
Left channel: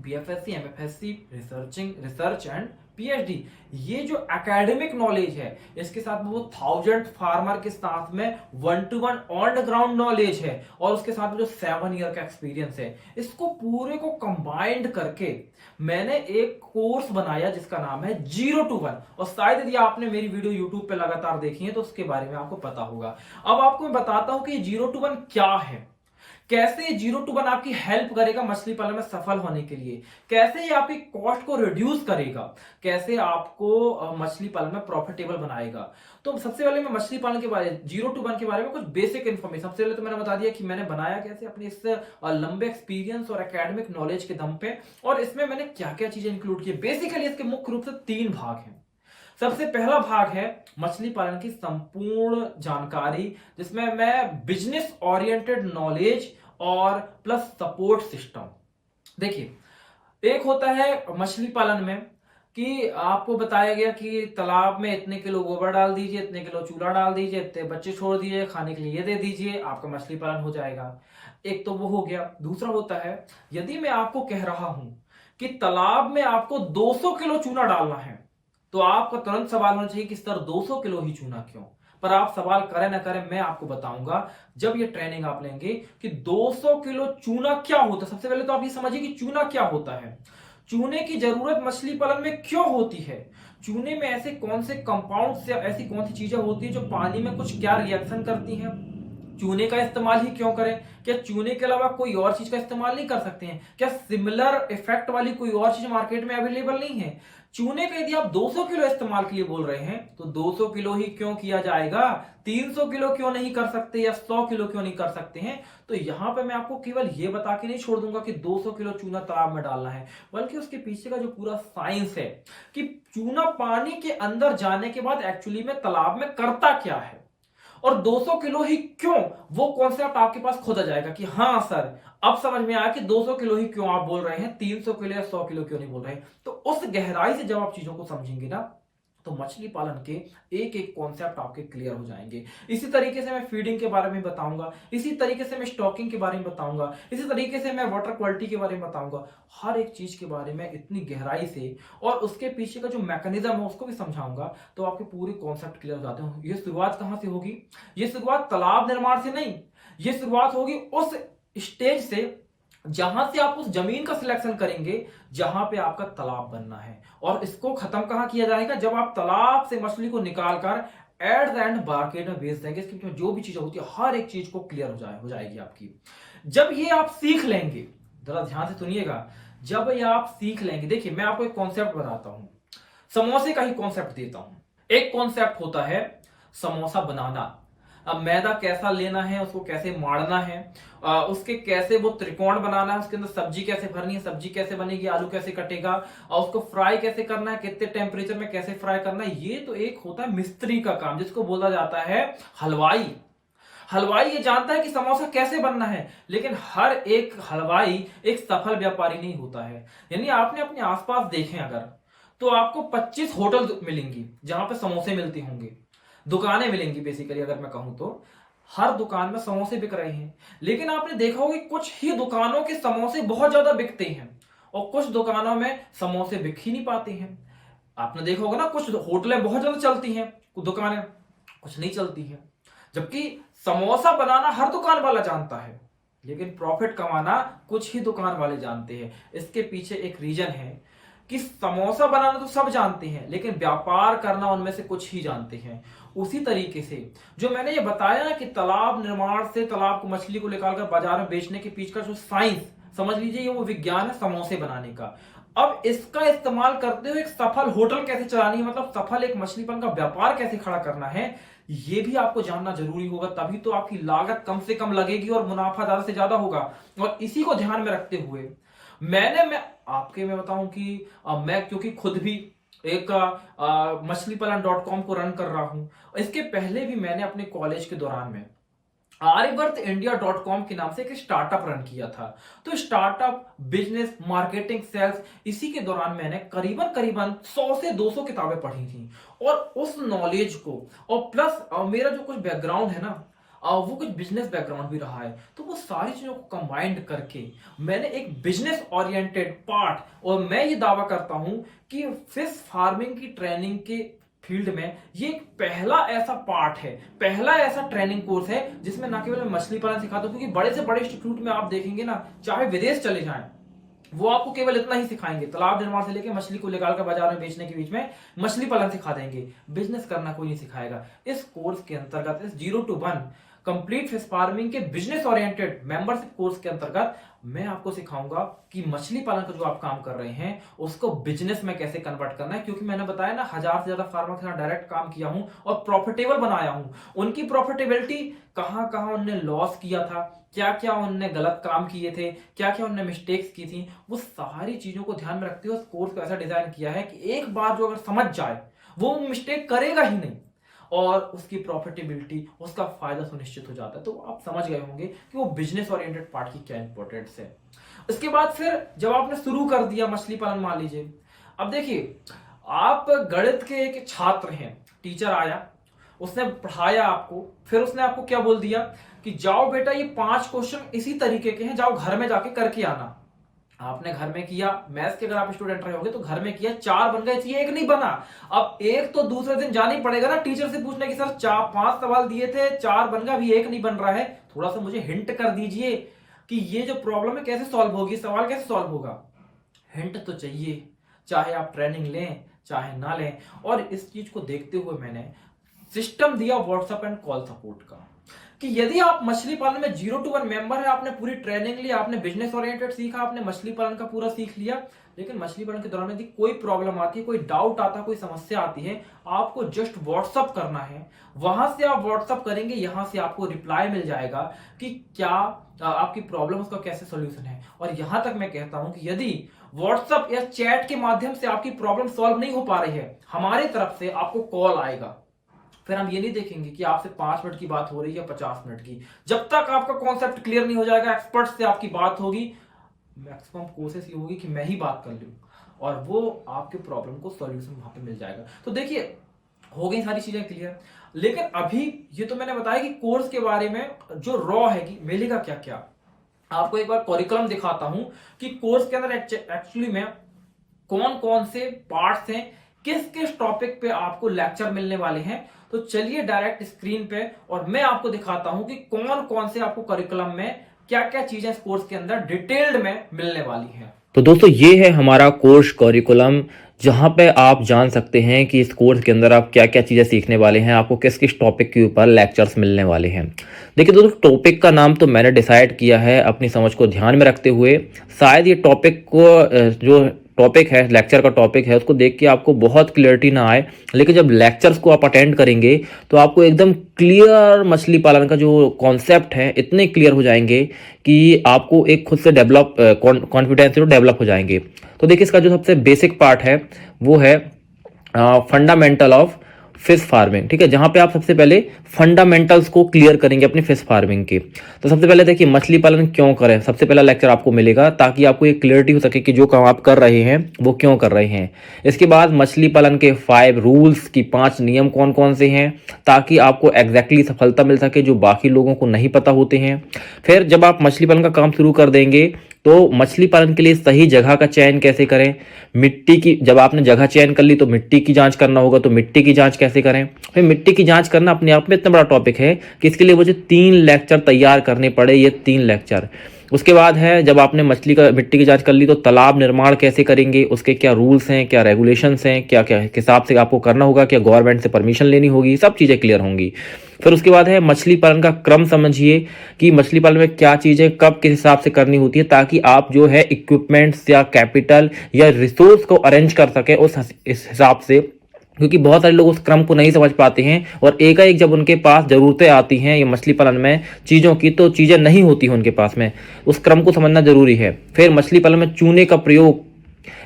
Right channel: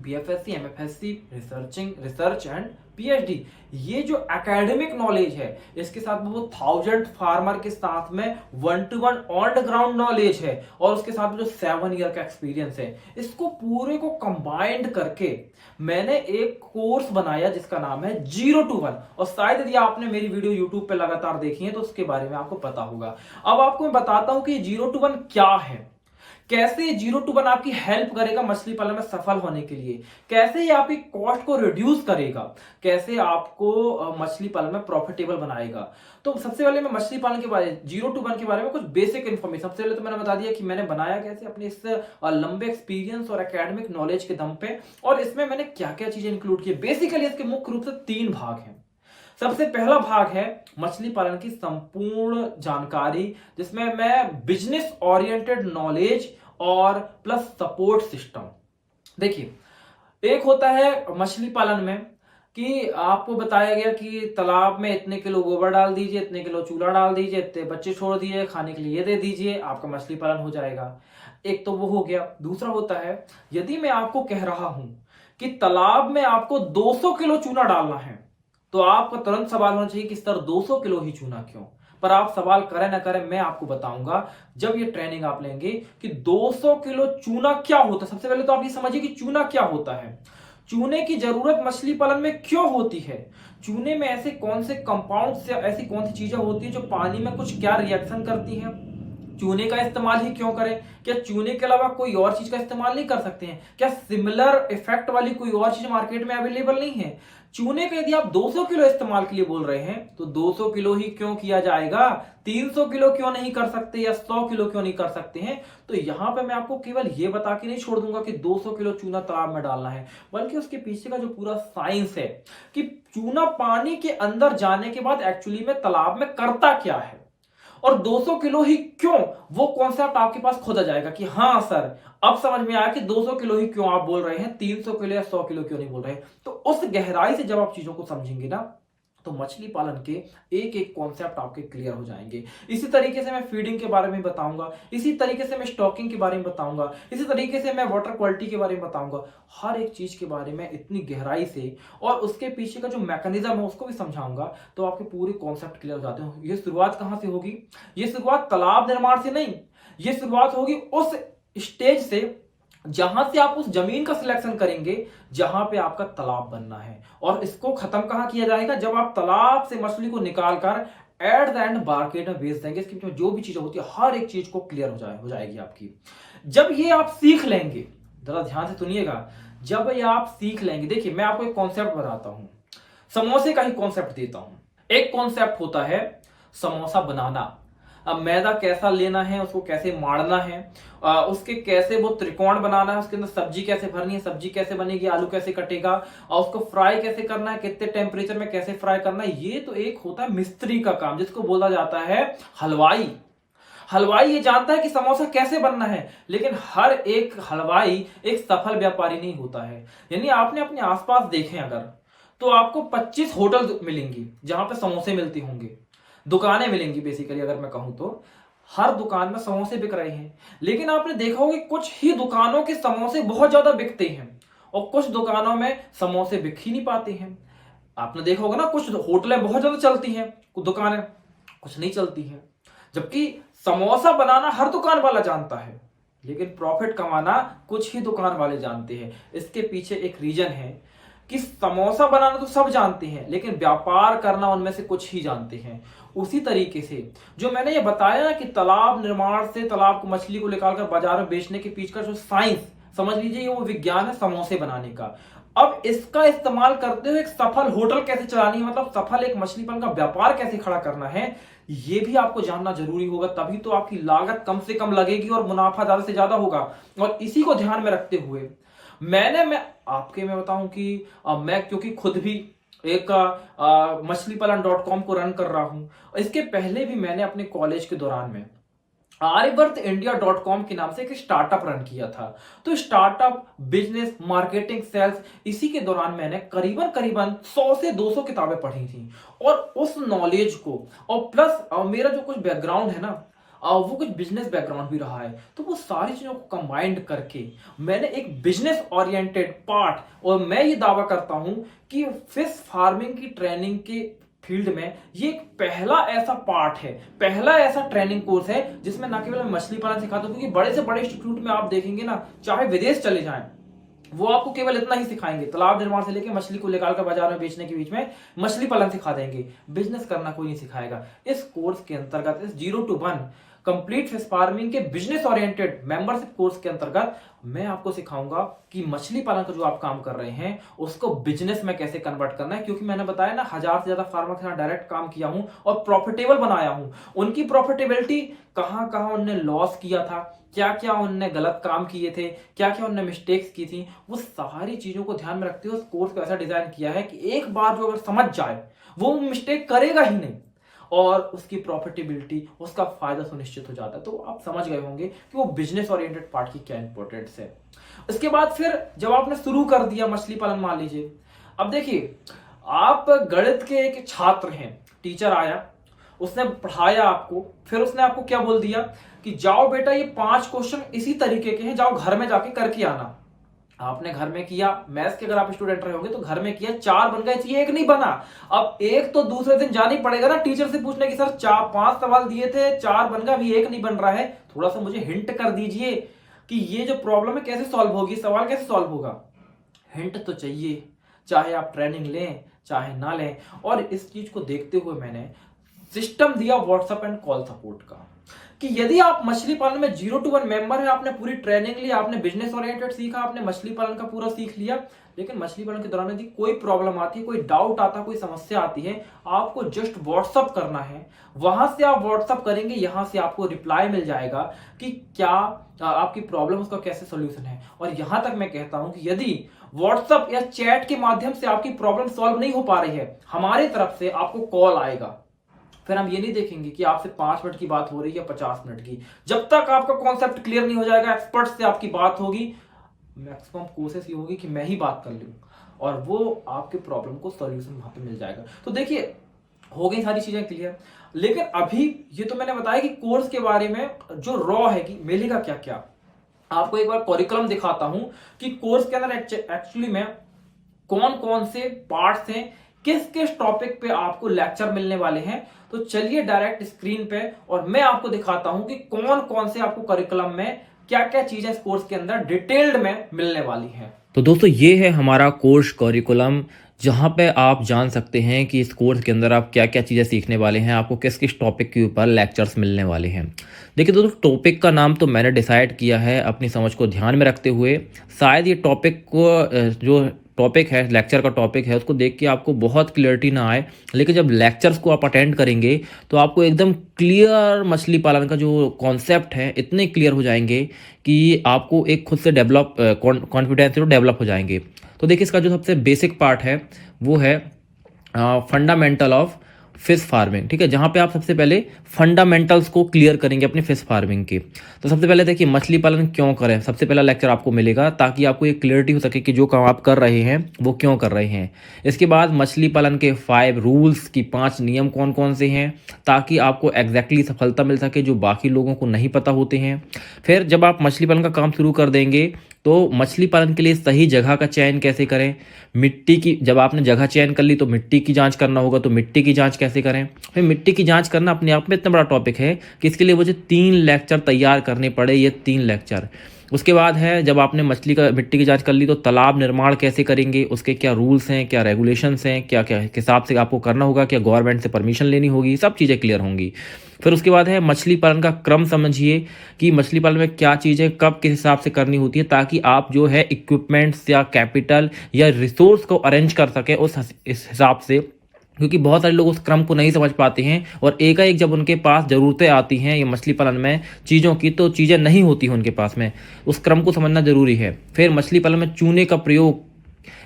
बीएफएससी, एमएफएससी, रिसर्च एंड पीएचडी, ये जो एकेडमिक नॉलेज है इसके साथ में वो 1000 फार्मर के साथ में 1-to-1 on the ground knowledge है और उसके साथ में जो 7 ईयर का एक्सपीरियंस है, इसको पूरे को कंबाइंड करके मैंने एक कोर्स बनाया जिसका नाम है 0-to-1। और शायद यदि आपने मेरी वीडियो यूट्यूब पे लगातार देखी है तो उसके बारे में आपको पता होगा। अब आपको मैं बताता हूं कि 0-to-1 क्या है, कैसे 0-to-1 आपकी हेल्प करेगा मछली पालन में सफल होने के लिए, कैसे ये आपकी कॉस्ट को रिड्यूस करेगा, कैसे आपको मछली पालन में प्रॉफिटेबल बनाएगा। तो सबसे पहले मैं मछली पालन के बारे में 0-to-1 के बारे में कुछ बेसिक इन्फॉर्मेशन, सबसे पहले तो मैंने बता दिया कि मैंने बनाया कैसे अपने इस लंबे एक्सपीरियंस और एकेडमिक नॉलेज के दम पे, और इसमें मैंने क्या क्या चीजें इंक्लूड की। बेसिकली इसके मुख्य रूप से 3 भाग हैं। सबसे पहला भाग है मछली पालन की संपूर्ण जानकारी, जिसमें मैं बिजनेस ओरिएंटेड नॉलेज और प्लस सपोर्ट सिस्टम। देखिए, एक होता है मछली पालन में कि आपको बताया गया कि तालाब में इतने किलो गोबर डाल दीजिए, इतने किलो चूल्हा डाल दीजिए, इतने बच्चे छोड़ दीजिए, खाने के लिए ये दे दीजिए, आपका मछली पालन हो जाएगा। एक तो वो हो गया। दूसरा होता है, यदि मैं आपको कह रहा हूं कि तालाब में आपको 200 किलो चूना डालना है, तो आपको तुरंत सवाल होना चाहिए कि सर 200 किलो ही चूना क्यों? पर आप सवाल करें ना करें, मैं आपको बताऊंगा जब ये ट्रेनिंग आप लेंगे कि 200 किलो चूना क्या होता है। सबसे पहले तो आप ये समझिए कि चूना क्या होता है, चूने की जरूरत मछली पालन में क्यों होती है, चूने में ऐसे कौन से कंपाउंड से ऐसी कौन सी चीजें होती है जो पानी में कुछ क्या रिएक्शन करती हैं, चूने का इस्तेमाल ही क्यों करें, क्या चूने के अलावा कोई और चीज का इस्तेमाल नहीं कर सकते हैं, क्या सिमिलर इफेक्ट वाली कोई और चीज मार्केट में अवेलेबल नहीं है। चूने का यदि आप 200 किलो इस्तेमाल के लिए बोल रहे हैं तो 200 किलो ही क्यों किया जाएगा, 300 किलो क्यों नहीं कर सकते या 100 किलो क्यों नहीं कर सकते हैं। तो यहां पे मैं आपको केवल ये बता के नहीं छोड़ दूंगा कि 200 किलो चूना तालाब में डालना है, बल्कि उसके पीछे का जो पूरा साइंस है कि चूना पानी के अंदर जाने के बाद एक्चुअली में तालाब में करता क्या है, और 200 किलो ही क्यों, वो कॉन्सेप्ट आपके पास खुद आ जाएगा कि हाँ सर अब समझ में आया कि 200 किलो ही क्यों आप बोल रहे हैं, 300 किलो या 100 किलो क्यों नहीं बोल रहे हैं। तो उस गहराई से जब आप चीजों को समझेंगे ना, तो मछली पालन के एक एक कॉन्सेप्ट आपके क्लियर हो जाएंगे। इसी तरीके से मैं फीडिंग के बारे में बताऊंगा, इसी तरीके से मैं स्टॉकिंग के बारे में बताऊंगा, इसी तरीके से मैं वाटर क्वालिटी के बारे में बताऊंगा, हर एक चीज के बारे में इतनी गहराई से, और उसके पीछे का जो मैकेनिज्म है उसको भी समझाऊंगा, तो आपके पूरे कॉन्सेप्ट क्लियर हो जाते हैं। ये शुरुआत कहां से होगी, ये शुरुआत तालाब निर्माण से नहीं, ये शुरुआत होगी उस स्टेज से जहां से आप उस जमीन का सिलेक्शन करेंगे जहां पे आपका तालाब बनना है, और इसको खत्म कहां किया जाएगा, जब आप तालाब से मछली को निकालकर एट द एंड मार्केट में बेच देंगे। इसके जो भी चीजें होती है हर एक चीज को क्लियर हो जाएगी आपकी। जब ये आप सीख लेंगे, जरा ध्यान से सुनिएगा, जब ये आप सीख लेंगे, देखिए मैं आपको एक कॉन्सेप्ट बताता हूं, समोसे का ही कॉन्सेप्ट देता हूं। एक कॉन्सेप्ट होता है समोसा बनाना। अब मैदा कैसा लेना है, उसको कैसे मारना है, उसके कैसे वो त्रिकोण बनाना है, उसके अंदर सब्जी कैसे भरनी है, सब्जी कैसे बनेगी, आलू कैसे कटेगा, और उसको फ्राई कैसे करना है, कितने टेम्परेचर में कैसे फ्राई करना है, ये तो एक होता है मिस्त्री का काम, जिसको बोला जाता है हलवाई। हलवाई ये जानता है कि समोसा कैसे बनना है, लेकिन हर एक हलवाई एक सफल व्यापारी नहीं होता है। यानी आपने अपने आसपास देखें अगर, तो आपको 25 होटल मिलेंगी जहां पे समोसे मिलते होंगे, दुकानें मिलेंगी बेसिकली अगर मैं कहूं तो, हर दुकान में समोसे बिक रहे हैं। लेकिन आपने देखा होगा कि कुछ ही दुकानों के समोसे बहुत ज्यादा बिकते हैं और कुछ दुकानों में समोसे बिक ही नहीं पाते हैं। आपने देखा होगा ना, कुछ होटलें बहुत ज्यादा चलती हैं, कुछ दुकानें कुछ नहीं चलती हैं। जबकि समोसा बनाना हर दुकान वाला जानता है, लेकिन प्रॉफिट कमाना कुछ ही दुकान वाले जानते हैं। इसके पीछे एक रीजन है कि समोसा बनाना तो सब जानते हैं, लेकिन व्यापार करना उनमें से कुछ ही जानते हैं। उसी तरीके से जो मैंने ये बताया कि तालाब निर्माण से तालाब को मछली को निकालकर बाजार में बेचने के पीछे का जो साइंस समझ लीजिए, वो विज्ञान है समोसे बनाने का। अब इसका इस्तेमाल करते हुए एक सफल होटल कैसे चलानी है, मतलब सफल एक मछली पालन का व्यापार कैसे खड़ा करना है, ये भी आपको जानना जरूरी होगा। तभी तो आपकी लागत कम से कम लगेगी और मुनाफा ज्यादा से ज्यादा होगा। और इसी को ध्यान में रखते हुए मैं बताऊं कि मैं क्योंकि खुद भी एक मछलीपालन.com को रन कर रहा हूं, इसके पहले भी मैंने अपने कॉलेज के दौरान में आर्यवर्तइंडिया.com के नाम से एक स्टार्टअप रन किया था। तो स्टार्टअप, बिजनेस, मार्केटिंग, सेल्स, इसी के दौरान मैंने करीबन करीबन 100 से 200 किताबें पढ़ी थी। और उस नॉलेज को, और प्लस मेरा जो कुछ बैकग्राउंड है ना, वो कुछ बिजनेस बैकग्राउंड भी रहा है, तो वो सारी चीजों को कंबाइंड करके मैंने एक बिजनेस ओरिएंटेड पार्ट, और मैं ये दावा करता हूं कि फिश फार्मिंग की ट्रेनिंग के फील्ड में ये एक पहला ऐसा पार्ट है, पहला ऐसा ट्रेनिंग कोर्स है जिसमें ना केवल मैं मछली पालन सिखाता हूं, क्योंकि बड़े से बड़े इंस्टीट्यूट में आप देखेंगे ना, चाहे विदेश चले जाएं, वो आपको केवल इतना ही सिखाएंगे, तालाब निर्माण से लेकर मछली को लेकर बाजार में बेचने के बीच में मछली पालन सिखा देंगे, बिजनेस करना कोई नहीं सिखाएगा। इस कोर्स के अंतर्गत, इस 0 to 1 कंप्लीट फिश फार्मिंग के बिजनेस ओरिएंटेड मेंबरशिप कोर्स के अंतर्गत मैं आपको सिखाऊंगा कि मछली पालन का जो आप काम कर रहे हैं उसको बिजनेस में कैसे कन्वर्ट करना है। क्योंकि मैंने बताया ना, 1000 से ज्यादा फार्मर के साथ डायरेक्ट काम किया हूं और प्रॉफिटेबल बनाया हूं। उनकी प्रॉफिटेबिलिटी, कहां कहां उनने लॉस किया था, क्या क्या उनने गलत काम किए थे, क्या क्या उनने मिस्टेक्स की थी, वो सारी चीजों को ध्यान में रखते हुए उस कोर्स को ऐसा डिजाइन किया है कि एक बार जो अगर समझ जाए वो मिस्टेक करेगा ही नहीं, और उसकी प्रॉफिटेबिलिटी, उसका फायदा सुनिश्चित हो जाता है। तो आप समझ गए होंगे कि वो बिजनेस ओरिएंटेड पार्ट की क्या इंपॉर्टेंस है। इसके बाद फिर जब आपने शुरू कर दिया मछली पालन, मान लीजिए, अब देखिए, आप गणित के एक छात्र हैं, टीचर आया, उसने पढ़ाया आपको, फिर उसने आपको क्या बोल दिया कि जाओ बेटा, ये 5 क्वेश्चन इसी तरीके के हैं, जाओ घर में जाके करके आना। आपने घर में किया, मैथ्स के अगर आप स्टूडेंट रहे होंगे तो घर में किया, 4 बन गए, चाहिए 1 नहीं बना। अब 1 तो दूसरे दिन जाना ही पड़ेगा ना टीचर से पूछने की, सर 5 सवाल दिए थे, 4 बन गए, अभी 1 नहीं बन रहा है, थोड़ा सा मुझे हिंट कर दीजिए कि ये जो प्रॉब्लम है कैसे सॉल्व होगी, सवाल कैसे सॉल्व होगा। हिंट तो चाहिए, चाहे आप ट्रेनिंग लें चाहे ना लें। और इस चीज को देखते हुए मैंने सिस्टम दिया व्हाट्सएप एंड कॉल सपोर्ट का, कि यदि आप मछली पालन में 0 to 1 मेंबर है, आपने पूरी ट्रेनिंग ली, आपने बिजनेस ओरिएंटेड सीखा, आपने मछली पालन का पूरा सीख लिया, लेकिन मछली पालन के दौरान यदि कोई प्रॉब्लम आती है, कोई डाउट आता, कोई समस्या आती है, आपको जस्ट व्हाट्सअप करना है। वहां से आप व्हाट्सअप करेंगे, यहां से आपको रिप्लाई मिल जाएगा कि क्या आपकी प्रॉब्लम, उसका कैसे सोल्यूशन है। और यहां तक मैं कहता हूं कि यदि व्हाट्सअप या चैट के माध्यम से आपकी प्रॉब्लम सॉल्व नहीं हो पा रही है, हमारी तरफ से आपको कॉल आएगा। फिर हम ये नहीं देखेंगे कि आपसे 5 मिनट की बात हो रही है या 50 मिनट की, जब तक आपका कॉन्सेप्ट क्लियर नहीं हो जाएगा, एक्सपर्ट से आपकी बात होगी, मैक्सिमम कोशिश ये होगी कि मैं ही बात कर लूं, और वो आपके प्रॉब्लम को सॉल्यूशन वहां पे मिल जाएगा। तो देखिए, हो गई सारी चीजें क्लियर। लेकिन अभी ये तो मैंने बताया कि कोर्स के बारे में जो रॉ है कि मिलेगा क्या क्या, आपको एक बार करिकुलम दिखाता हूं कि कोर्स के अंदर एक्चुअली में कौन कौन से पार्ट्स हैं, किस किस टॉपिक पे आपको लेक्चर मिलने वाले हैं। तो चलिए डायरेक्ट स्क्रीन पे, और मैं आपको दिखाता हूं कि कौन कौन से आपको करिकुलम में क्या क्या चीजें इस कोर्स के अंदर डिटेल्ड में मिलने वाली हैं। तो दोस्तों, ये है हमारा कोर्स करिकुलम, जहाँ पे आप जान सकते हैं कि इस कोर्स के अंदर आप क्या क्या चीज़ें सीखने वाले हैं, आपको किस किस टॉपिक के ऊपर लेक्चर्स मिलने वाले हैं। देखिए दोस्तों, टॉपिक का नाम तो मैंने डिसाइड किया है अपनी समझ को ध्यान में रखते हुए। शायद ये टॉपिक को जो टॉपिक है, लेक्चर का टॉपिक है, उसको देख के आपको बहुत क्लियरिटी ना आए, लेकिन जब लेक्चर्स को आप अटेंड करेंगे तो आपको एकदम क्लियर मछली पालन का जो कॉन्सेप्ट है इतने क्लियर हो जाएंगे कि आपको एक खुद से डेवलप कॉन्फिडेंस डेवलप हो जाएंगे। तो देखिए, इसका जो सबसे बेसिक पार्ट है वो है फंडामेंटल ऑफ फिश फार्मिंग, ठीक है, जहां पे आप सबसे पहले फंडामेंटल्स को क्लियर करेंगे अपनी फिश फार्मिंग के। तो सबसे पहले देखिए, मछली पालन क्यों करें, सबसे पहला लेक्चर आपको मिलेगा, ताकि आपको एक क्लियरिटी हो सके कि जो काम आप कर रहे हैं वो क्यों कर रहे हैं। इसके बाद मछली पालन के 5 रूल्स की 5 नियम कौन कौन से हैं, ताकि आपको एग्जैक्टली सफलता मिल सके, जो बाकी लोगों को नहीं पता होते हैं। फिर जब आप मछली पालन का काम शुरू कर देंगे तो मछली पालन के लिए सही जगह का चयन कैसे करें, मिट्टी की, जब आपने जगह चयन कर ली तो मिट्टी की जांच करना होगा, तो मिट्टी की जांच कैसे करें। फिर मिट्टी की जांच करना अपने आप में इतना बड़ा टॉपिक है कि इसके लिए मुझे 3 लेक्चर तैयार करने पड़े, ये 3 लेक्चर। उसके बाद है, जब आपने मिट्टी की जांच कर ली तो तालाब निर्माण कैसे करेंगे, उसके क्या रूल्स हैं, क्या रेगुलेशंस हैं, क्या क्या हिसाब से आपको करना होगा, क्या गवर्नमेंट से परमिशन लेनी होगी, सब चीज़ें क्लियर होंगी। फिर उसके बाद है, मछली पालन का क्रम समझिए कि मछली पालन में क्या चीज़ें कब किस हिसाब से करनी होती है, ताकि आप जो है इक्विपमेंट्स या कैपिटल या रिसोर्स को अरेंज कर सके इस हिसाब से। क्योंकि बहुत सारे लोग उस क्रम को नहीं समझ पाते हैं, और एकाएक जब उनके पास ज़रूरतें आती हैं ये मछली पालन में चीज़ों की, तो चीज़ें नहीं होती हैं उनके पास में, उस क्रम को समझना जरूरी है। फिर मछली पालन में चूने का प्रयोग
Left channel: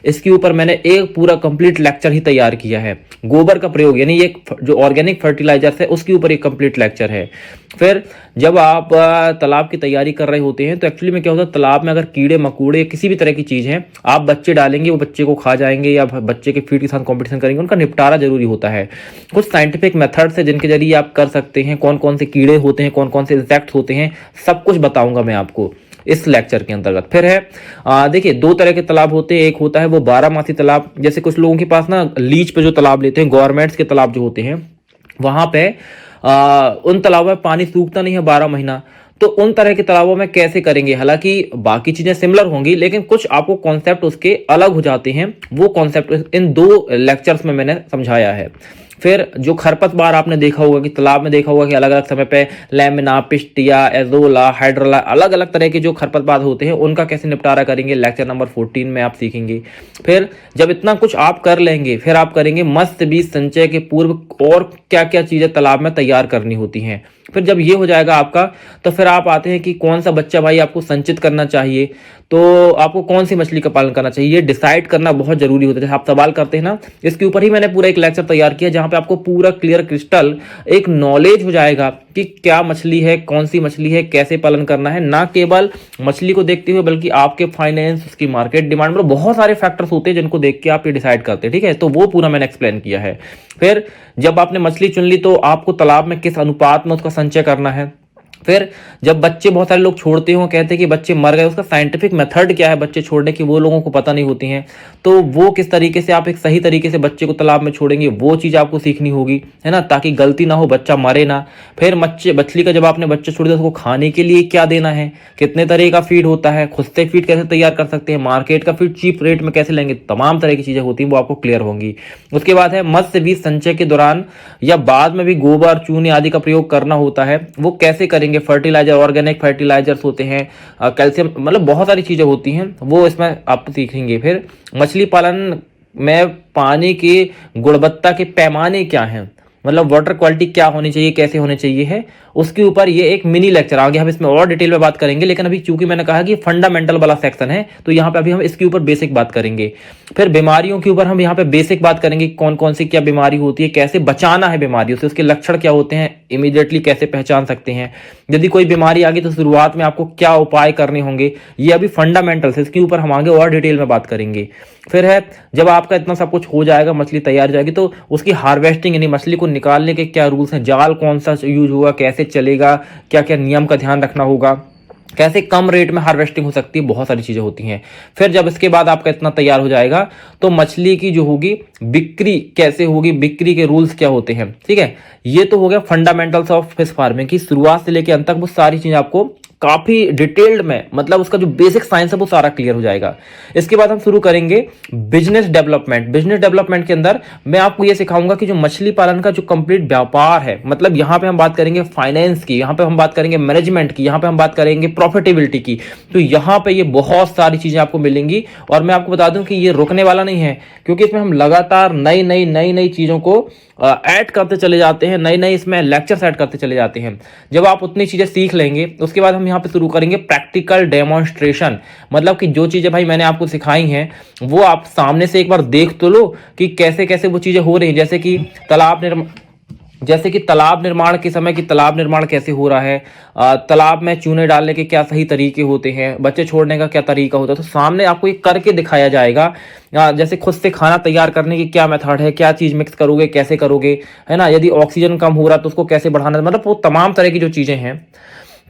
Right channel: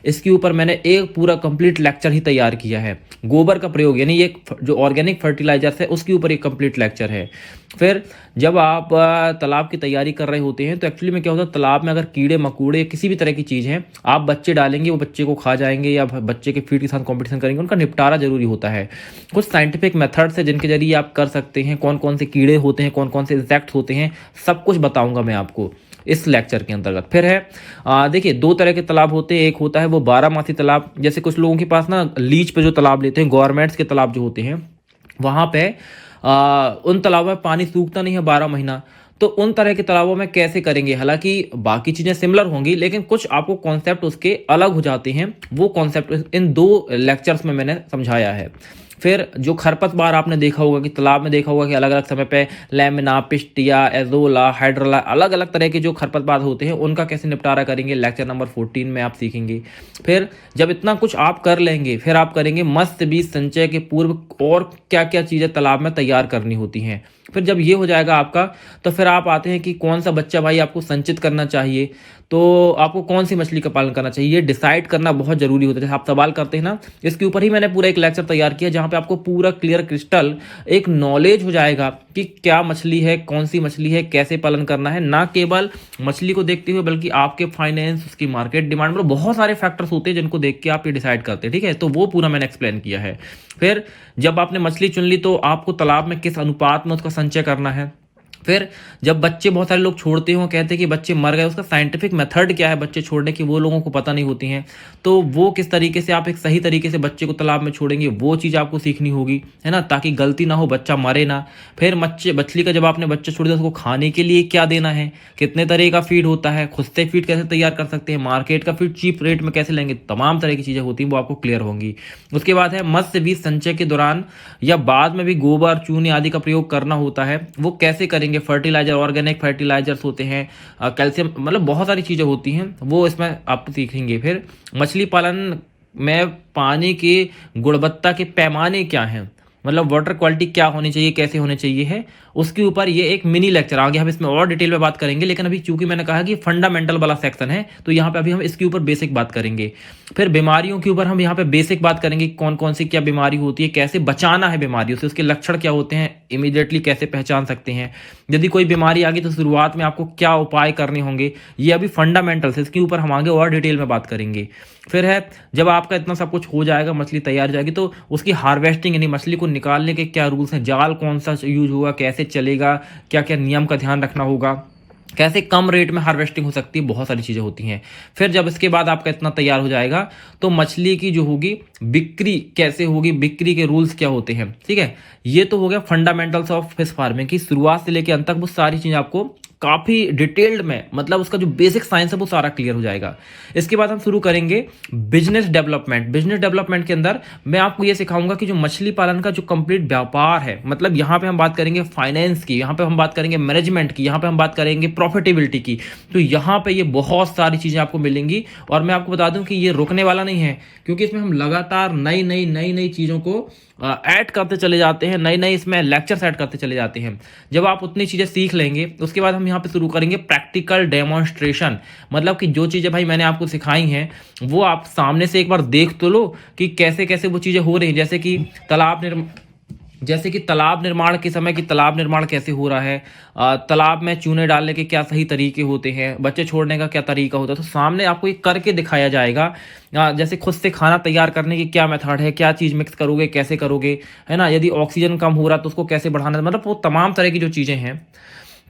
इसके ऊपर मैंने एक पूरा कंप्लीट लेक्चर ही तैयार किया है। गोबर का प्रयोग यानी ये जो ऑर्गेनिक फर्टिलाइजर्स है उसके ऊपर एक कंप्लीट लेक्चर है। फिर जब आप तालाब की तैयारी कर रहे होते हैं तो एक्चुअली में क्या होता है, तालाब में अगर कीड़े मकोड़े किसी भी तरह की चीज़ है आप बच्चे डालेंगे, वो बच्चे को खा जाएंगे या बच्चे के फीड के साथ कॉम्पिटिशन करेंगे, उनका निपटारा जरूरी होता है। कुछ साइंटिफिक मेथड्स है जिनके जरिए आप कर सकते हैं, कौन कौन से कीड़े होते हैं, कौन कौन से इंसेक्ट्स होते हैं, सब कुछ बताऊंगा मैं आपको इस लेक्चर के अंतर्गत। फिर है देखिए, दो तरह के तालाब होते हैं। एक होता है वो 12 मासी तालाब, जैसे कुछ लोगों के पास ना लीज पे जो तालाब लेते हैं, गवर्नमेंट्स के तालाब जो होते हैं, वहां पे उन तालाबों में पानी सूखता नहीं है 12 महीना। तो उन तरह के तालाबों में कैसे करेंगे, हालांकि बाकी चीजें सिमिलर होंगी लेकिन कुछ आपको कॉन्सेप्ट उसके अलग हो जाते हैं। वो कॉन्सेप्ट इन 2 लेक्चर्स में मैंने समझाया है। फिर जो खरपतवार आपने देखा होगा कि तालाब में देखा होगा कि अलग अलग समय पे लैमिना, पिस्टिया, एजोला, हाइड्रोला, अलग अलग तरह के जो खरपतवार होते हैं उनका कैसे निपटारा करेंगे, लेक्चर नंबर 14 में आप सीखेंगे। फिर जब इतना कुछ आप कर लेंगे फिर आप करेंगे मत्स्य बीज संचय के पूर्व और क्या क्या चीजें तालाब में तैयार करनी होती हैं। फिर जब ये हो जाएगा आपका, तो फिर आप आते हैं कि कौन सा बच्चा भाई आपको संचित करना चाहिए, तो आपको कौन सी मछली का पालन करना चाहिए, ये डिसाइड करना बहुत जरूरी होता है। जैसे आप सवाल करते हैं ना, इसके ऊपर ही मैंने पूरा एक लेक्चर तैयार किया जहां पे आपको पूरा क्लियर क्रिस्टल एक नॉलेज हो जाएगा कि क्या मछली है, कौन सी मछली है, कैसे पालन करना है। ना केवल मछली को देखते हुए बल्कि आपके फाइनेंस, उसकी मार्केट डिमांड, मतलब बहुत सारे फैक्टर्स होते हैं जिनको देख के आप ये डिसाइड करते हैं। ठीक है, तो वो पूरा मैंने एक्सप्लेन किया है। फिर जब आपने मछली चुन ली तो आपको तालाब में किस अनुपात में उसका संचय करना है। फिर जब बच्चे, बहुत सारे लोग छोड़ते हो, कहते हैं कि बच्चे मर गए, उसका साइंटिफिक मेथड क्या है बच्चे छोड़ने की, वो लोगों को पता नहीं होती हैं। तो वो किस तरीके से आप एक सही तरीके से बच्चे को तालाब में छोड़ेंगे, वो चीज़ आपको सीखनी होगी, है ना, ताकि गलती ना हो, बच्चा मरे ना। फिर मछली का जब आपने बच्चे छोड़ दिया उसको खाने के लिए क्या देना है, कितने तरह का फीड होता है, खुद से फीड कैसे तैयार कर सकते हैं, मार्केट का फीड चीप रेट में कैसे लेंगे, तमाम तरह की चीज़ें होती हैं वो आपको क्लियर होंगी। उसके बाद है मत्स्य बीज संचय के दौरान या बाद में भी गोबर, चूने आदि का प्रयोग करना होता है, वो कैसे करेंगे। फर्टिलाइजर, ऑर्गेनिक फर्टिलाइजर्स होते हैं, कैल्शियम, मतलब बहुत सारी चीज़ें होती हैं, वो इसमें आप सीखेंगे। फिर मछली पालन में पानी की गुणवत्ता के पैमाने क्या हैं, मतलब वाटर क्वालिटी क्या होनी चाहिए, कैसे होनी चाहिए है, उसके ऊपर ये एक मिनी लेक्चर आगे हम इसमें और डिटेल में बात करेंगे। लेकिन अभी चूंकि मैंने कहा कि फंडामेंटल वाला सेक्शन है तो यहाँ पे अभी हम इसके ऊपर बेसिक बात करेंगे। फिर बीमारियों के ऊपर हम यहाँ पे बेसिक बात करेंगे, कौन कौन सी क्या बीमारी होती है, कैसे बचाना है बीमारियों से, उसके लक्षण क्या होते हैं, इमीडिएटली कैसे पहचान सकते हैं, यदि कोई बीमारी आ गई तो शुरुआत में आपको क्या उपाय करने होंगे, ये अभी फंडामेंटल है, इसके ऊपर हम आगे और डिटेल में बात करेंगे। फिर है जब आपका इतना सब कुछ हो जाएगा, मछली तैयार हो जाएगी, तो उसकी हार्वेस्टिंग यानी मछली को निकालने के क्या रूल्स हैं, जाल कौन सा यूज होगा, कैसे चलेगा, क्या क्या नियम का ध्यान रखना होगा, कैसे कम रेट में हार्वेस्टिंग हो सकती है, बहुत सारी चीजें होती हैं। फिर जब इसके बाद आपका इतना तैयार हो जाएगा तो मछली की जो होगी बिक्री कैसे होगी, बिक्री के रूल्स क्या होते हैं। ठीक है, ये तो हो गया फंडामेंटल्स ऑफ फिश फार्मिंग की, शुरुआत से लेकर अंत तक वो सारी चीजें आपको काफी डिटेल्ड में, मतलब उसका जो बेसिक साइंस है वो सारा क्लियर हो जाएगा। इसके बाद हम शुरू करेंगे बिजनेस डेवलपमेंट। बिजनेस डेवलपमेंट के अंदर मैं आपको ये सिखाऊंगा कि जो मछली पालन का जो कंप्लीट व्यापार है, मतलब यहाँ पे हम बात करेंगे फाइनेंस की, यहाँ पे हम बात करेंगे मैनेजमेंट की, यहाँ पे हम बात करेंगे प्रॉफिटेबिलिटी की। तो यहाँ पे ये बहुत सारी चीजें आपको मिलेंगी और मैं आपको बता दूं कि ये रुकने वाला नहीं है, क्योंकि इसमें हम लगातार नई नई चीजों को ऐड करते चले जाते हैं, नई नई इसमें लेक्चर्स ऐड करते चले जाते हैं। जब आप उतनी चीजें सीख लेंगे उसके बाद हम यहाँ पे शुरू करेंगे प्रैक्टिकल डेमोन्स्ट्रेशन, मतलब कि जो चीजें भाई मैंने आपको सिखाई हैं वो आप सामने से एक बार देख तो लो कि कैसे कैसे वो चीजें हो रही हैं। जैसे कि तालाब निर्माण के समय कि तालाब निर्माण कैसे हो रहा है, तालाब में चूने डालने के क्या सही तरीके होते हैं, बच्चे छोड़ने का क्या तरीका होता है, तो सामने आपको ये करके दिखाया जाएगा। जैसे खुद से खाना तैयार करने की क्या मेथड है, क्या चीज़ मिक्स करोगे, कैसे करोगे, है ना, यदि ऑक्सीजन कम हो रहा तो उसको कैसे बढ़ाना, मतलब वो तमाम तरह की जो चीज़ें हैं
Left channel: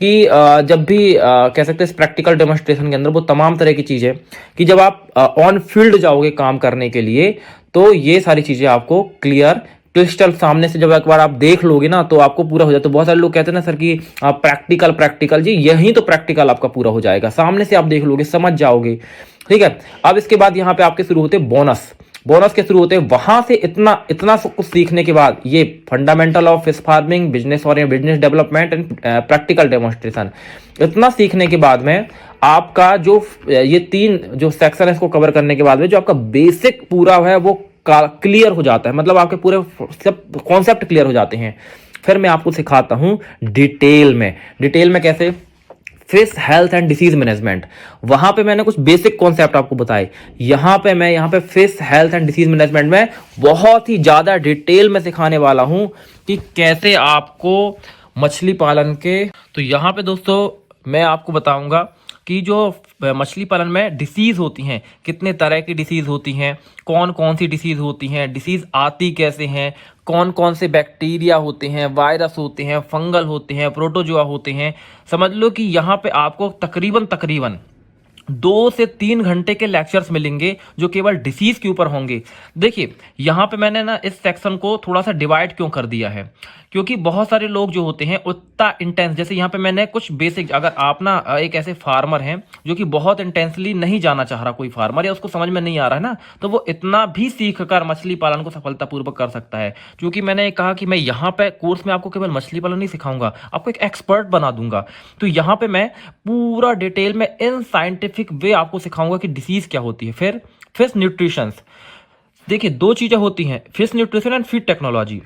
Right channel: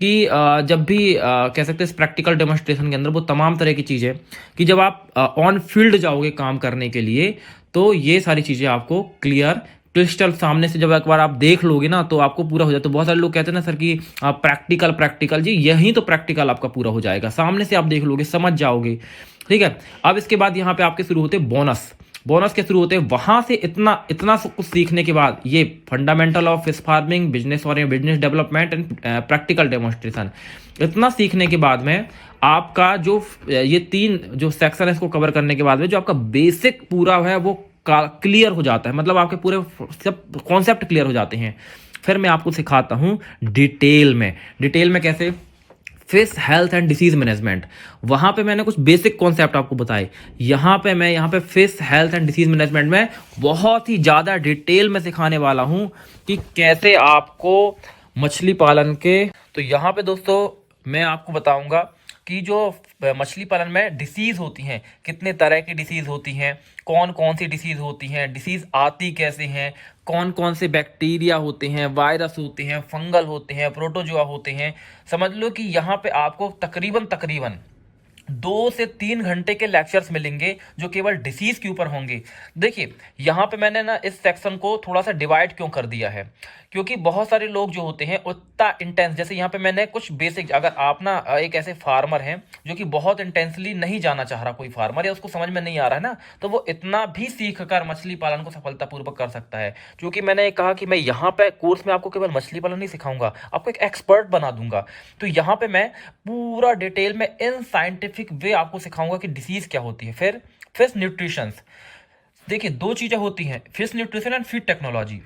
कि जब भी कह सकते हैं प्रैक्टिकल डेमोन्स्ट्रेशन के अंदर वो तमाम तरह की चीज़ें कि जब आप ऑन फील्ड जाओगे काम करने के लिए तो ये सारी चीज़ें आपको क्लियर क्रिस्टल सामने से जब एक बार आप देख लोगे ना तो आपको पूरा हो जाए। तो बहुत सारे लोग कहते हैं ना सर कि प्रैक्टिकल जी, यही तो प्रैक्टिकल आपका पूरा हो जाएगा, सामने से आप देख लोगे, समझ जाओगे। ठीक है, अब इसके बाद यहाँ पे आपके शुरू होते बोनस के शुरू होते हैं। वहां से इतना कुछ सीखने के बाद ये fundamental of fish farming, business और business development and practical demonstration, इतना सीखने के बाद में आपका जो ये 3 जो सेक्शन है इसको कवर करने के बाद में जो आपका बेसिक पूरा है वो क्लियर हो जाता है, मतलब आपके पूरे सब कॉन्सेप्ट क्लियर हो जाते हैं। फिर मैं आपको सिखाता हूं डिटेल में कैसे fish health and disease management. वहां पे मैंने कुछ बेसिक कॉन्सेप्ट आपको बताए। यहाँ पे fish health and disease management में बहुत ही ज़्यादा डिटेल में सिखाने वाला हूँ कि कैसे आपको मछली पालन के। तो यहाँ पे दोस्तों मैं आपको बताऊंगा कि जो मछली पालन में डिसीज होती हैं, कितने तरह की डिसीज होती हैं, कौन कौन सी डिसीज होती हैं, डिसीज आती कैसे हैं, कौन कौन से बैक्टीरिया होते हैं, वायरस होते हैं, फंगल होते हैं, प्रोटोजोआ होते हैं। समझ लो कि यहाँ पे आपको तकरीबन 2 से 3 घंटे के लेक्चर्स मिलेंगे जो केवल डिसीज के ऊपर होंगे। देखिए यहाँ पे मैंने ना इस सेक्शन को थोड़ा सा डिवाइड क्यों कर दिया है, क्योंकि बहुत सारे लोग जो होते हैं उतना इंटेंस, जैसे यहाँ पे मैंने कुछ बेसिक, अगर आप ना एक ऐसे फार्मर हैं जो कि बहुत इंटेंसली नहीं जाना चाह रहा, कोई फार्मर या उसको समझ में नहीं आ रहा है ना, तो वो इतना भी सीख कर मछली पालन को सफलतापूर्वक कर सकता है। क्योंकि मैंने कहा कि मैं यहाँ पे कोर्स में आपको केवल मछली पालन नहीं सिखाऊंगा, आपको एक एक्सपर्ट बना दूंगा। तो यहाँ पे मैं पूरा डिटेल में इन साइंटिफिक वे आपको सिखाऊंगा कि डिसीज क्या होती है। फिर फिश न्यूट्रिशन, देखिए 2 चीजें होती हैं, fish nutrition and feed technology.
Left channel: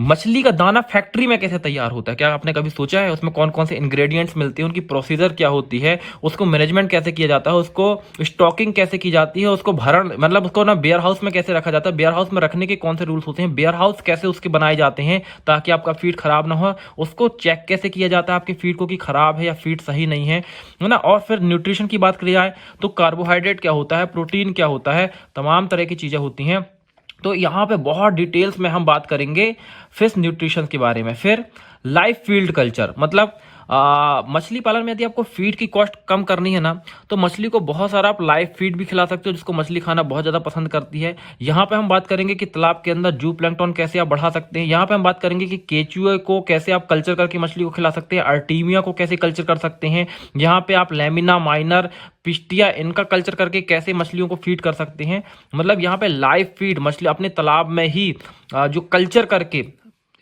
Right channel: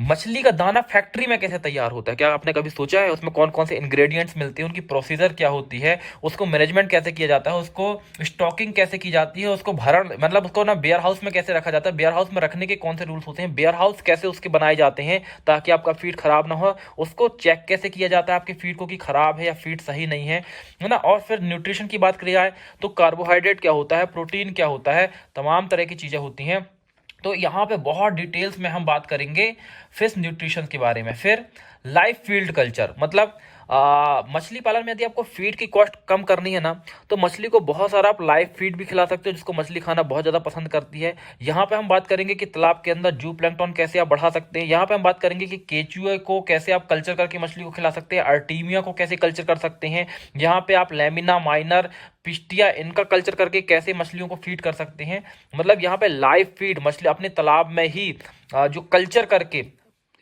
मछली का दाना फैक्ट्री में कैसे तैयार होता है, क्या आपने कभी सोचा है? उसमें कौन कौन से इंग्रेडिएंट्स मिलते हैं, उनकी प्रोसीजर क्या होती है, उसको मैनेजमेंट कैसे किया जाता है, उसको स्टॉकिंग कैसे की जाती है, उसको भरण मतलब उसको ना वेयर हाउस में कैसे रखा जाता है, वेयर हाउस में रखने के कौन से रूल्स होते हैं, वेयर हाउस कैसे उसके बनाए जाते हैं ताकि आपका फीड खराब ना हो, उसको चेक कैसे किया जाता है आपकी फीड को कि खराब है या फीड सही नहीं है ना। और फिर न्यूट्रिशन की बात करी जाए तो कार्बोहाइड्रेट क्या होता है, प्रोटीन क्या होता है, तमाम तरह की चीजें होती हैं। तो यहाँ पे बहुत डिटेल्स में हम बात करेंगे फिश न्यूट्रिशन के बारे में। फिर लाइफ फील्ड कल्चर, मतलब मछली पालन में यदि आपको फीड की कॉस्ट कम करनी है ना, तो मछली को बहुत सारा आप लाइव फीड भी खिला सकते हो, जिसको मछली खाना बहुत ज्यादा पसंद करती है। यहाँ पे हम बात करेंगे कि तालाब के अंदर जू प्लैंक्टन कैसे आप बढ़ा सकते हैं। यहाँ पे हम बात करेंगे कि केचुए को कैसे आप कल्चर करके मछली को खिला सकते हैं, आर्टीमिया को कैसे कल्चर कर सकते हैं। यहाँ पे आप लैमिना माइनर पिस्टिया इनका कल्चर करके कैसे मछलियों को फीड कर सकते हैं। मतलब यहाँ पे लाइव फीड मछली अपने तालाब में ही जो कल्चर करके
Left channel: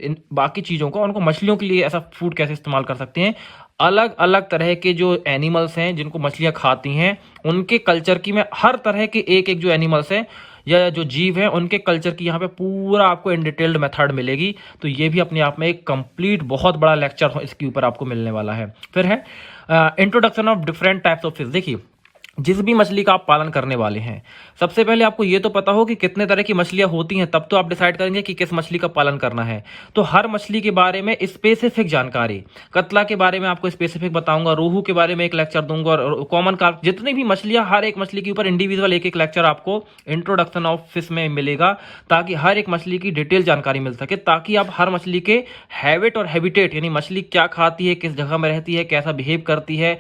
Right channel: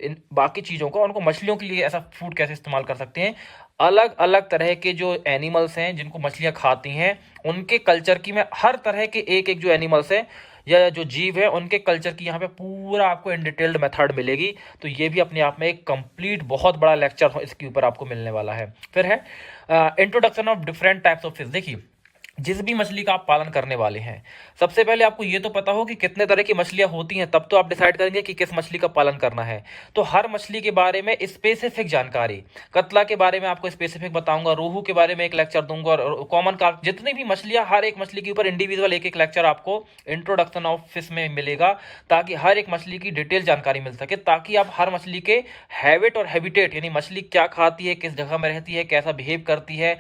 इन बाकी चीजों को, उनको मछलियों के लिए ऐसा फूड कैसे इस्तेमाल कर सकते हैं। अलग अलग तरह के जो एनिमल्स हैं जिनको मछलियां खाती हैं, उनके कल्चर की मैं हर तरह के एक जो एनिमल्स हैं या जो जीव हैं उनके कल्चर की यहाँ पे पूरा आपको इन डिटेल्ड मेथड मिलेगी। तो ये भी अपने आप में एक कंप्लीट बहुत बड़ा लेक्चर इसके ऊपर आपको मिलने वाला है। फिर है introduction of different types of fish. देखिए जिस भी मछली का आप पालन करने वाले हैं, सबसे पहले आपको ये तो पता हो कि कितने तरह की मछलियां होती हैं, तब तो आप डिसाइड करेंगे कि किस मछली का पालन करना है। तो हर मछली के बारे में स्पेसिफिक जानकारी, कतला के बारे में आपको स्पेसिफिक बताऊंगा, रोहू के बारे में एक लेक्चर दूंगा, और कॉमन कार्प, जितनी भी मछलियां, हर एक मछली के ऊपर इंडिविजुअल एक लेक्चर आपको इंट्रोडक्शन ऑफ फिश में मिलेगा, ताकि हर एक मछली की डिटेल जानकारी मिल सके, ताकि आप हर मछली के हैबिट और हैबिटेट, यानी मछली क्या खाती है, किस जगह में रहती है, कैसा बिहेव करती है,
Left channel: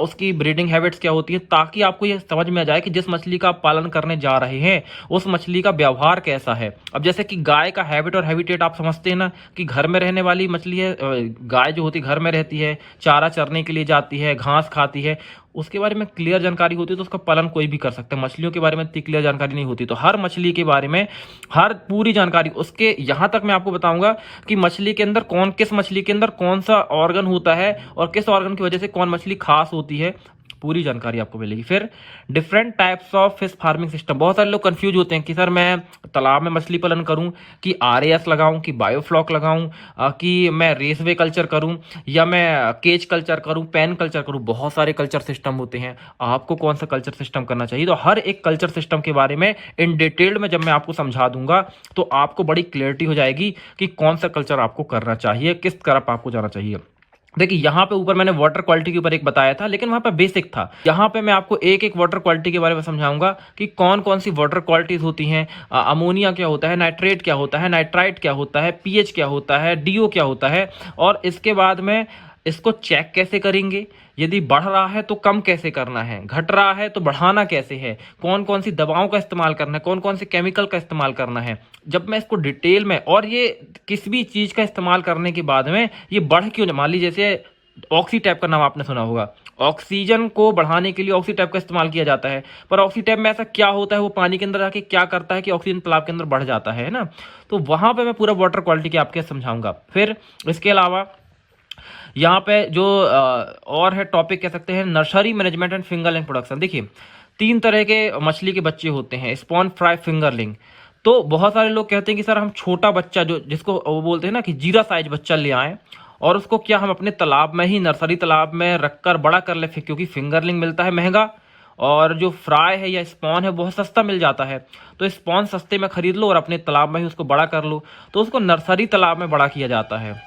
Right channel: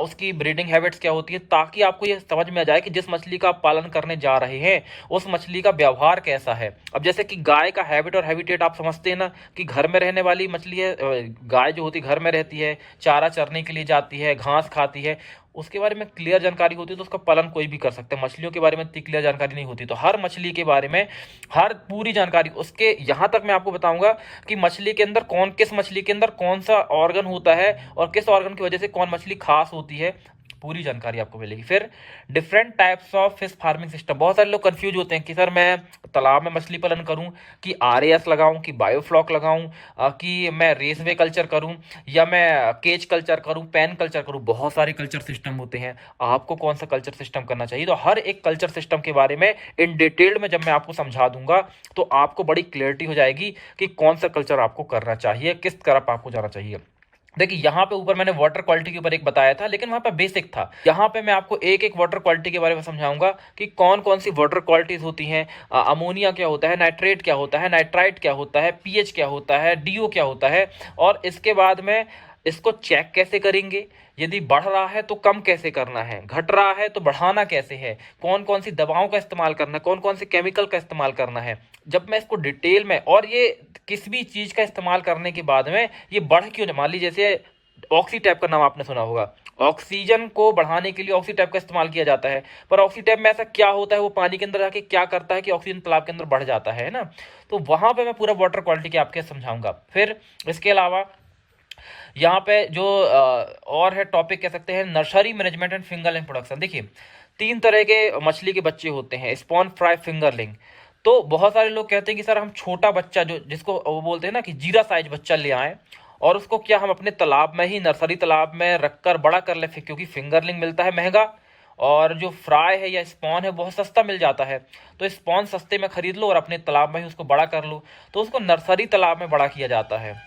उसकी ब्रीडिंग हैबिट्स क्या होती है, ताकि आपको ये समझ में आ जाए कि जिस मछली का आप पालन करने जा रहे हैं उस मछली का व्यवहार कैसा है। अब जैसे कि गाय का हैबिट और हैबिटेट आप समझते हैं ना, कि घर में रहने वाली मछली है, गाय जो होती है घर में रहती है, चारा चरने के लिए जाती है, घास खाती है, उसके बारे में क्लियर जानकारी होती है तो उसका पालन कोई भी कर सकता है। मछलियों के बारे में इतनी क्लियर जानकारी नहीं होती, तो हर मछली के बारे में हर पूरी जानकारी उसके, यहां तक मैं आपको बताऊंगा कि मछली के अंदर किस मछली के अंदर कौन सा ऑर्गन होता है और किस ऑर्गन की वजह से कौन मछली खास होती है, पूरी जानकारी आपको मिलेगी। फिर different types of fish farming system. बहुत सारे लोग कंफ्यूज होते हैं कि सर मैं तालाब में मछली पालन करूं कि आरएएस लगाऊं कि बायोफ्लॉक लगाऊं कि मैं रेसवे कल्चर करूं या मैं केज कल्चर करूं, पेन कल्चर करूं। बहुत सारे कल्चर सिस्टम होते हैं, आपको कौन सा कल्चर सिस्टम करना चाहिए। तो हर एक कल्चर सिस्टम के बारे में इन डिटेल में जब मैं आपको समझा दूंगा तो आपको बड़ी क्लियरिटी हो जाएगी कि कौन सा कल्चर आपको करना चाहिए, किस तरफ आपको जाना चाहिए। देखिए यहाँ पे ऊपर मैंने वाटर क्वालिटी के ऊपर एक बताया था, लेकिन वहां पे बेसिक था। यहाँ पे मैं आपको एक एक वाटर क्वालिटी के बारे में समझाऊंगा कि कौन कौन सी वाटर क्वालिटीज होती हैं, अमोनिया क्या होता है, नाइट्रेट क्या होता है, नाइट्राइट क्या होता है, पीएच क्या होता है, डीओ क्या होता है, और इसके बाद में इसको चेक कैसे करेंगे, यदि बढ़ रहा है तो कम कैसे करना है, घट रहा है तो बढ़ाना कैसे है, कौन कौन सी दवाओं का इस्तेमाल करना है, कौन कौन सी केमिकल का इस्तेमाल करना है। जब मैं इसको डिटेल में, और ये किस भी चीज का इस्तेमाल करने के बाद में ये बढ़ क्यों, मान लीजिए जैसे ऑक्सीटैप का नाम आपने सुना होगा, ऑक्सीजन को बढ़ाने के लिए ऑक्सीटैप का इस्तेमाल किया जाता है, पर ऑक्सीटैप में ऐसा क्या होता है, वो पानी के अंदर आके क्या करता है कि ऑक्सीजन तालाब के अंदर बढ़ जाता है ना। तो वहां पे मैं पूरा वाटर क्वालिटी के आपके समझाऊंगा। फिर इसके अलावा यहाँ पे जो और है टॉपिक कह सकते हैं, nursery management and fingerling production. देखिए 3 तरह के मछली के बच्चे होते हैं, स्पॉन, फ्राई, फिंगरलिंग। तो बहुत सारे लोग कहते हैं कि सर हम छोटा बच्चा, जो जिसको वो बोलते हैं ना कि जीरा साइज बच्चा ले आए और उसको क्या हम अपने तालाब में ही, नर्सरी तालाब में रखकर बड़ा कर ले, क्योंकि फिंगरलिंग मिलता है महंगा और जो फ्राई है या स्पॉन है बहुत सस्ता मिल जाता है। तो स्पॉन सस्ते में खरीद लो और अपने तालाब में ही उसको बड़ा कर लो, तो उसको नर्सरी तालाब में बड़ा किया जाता है।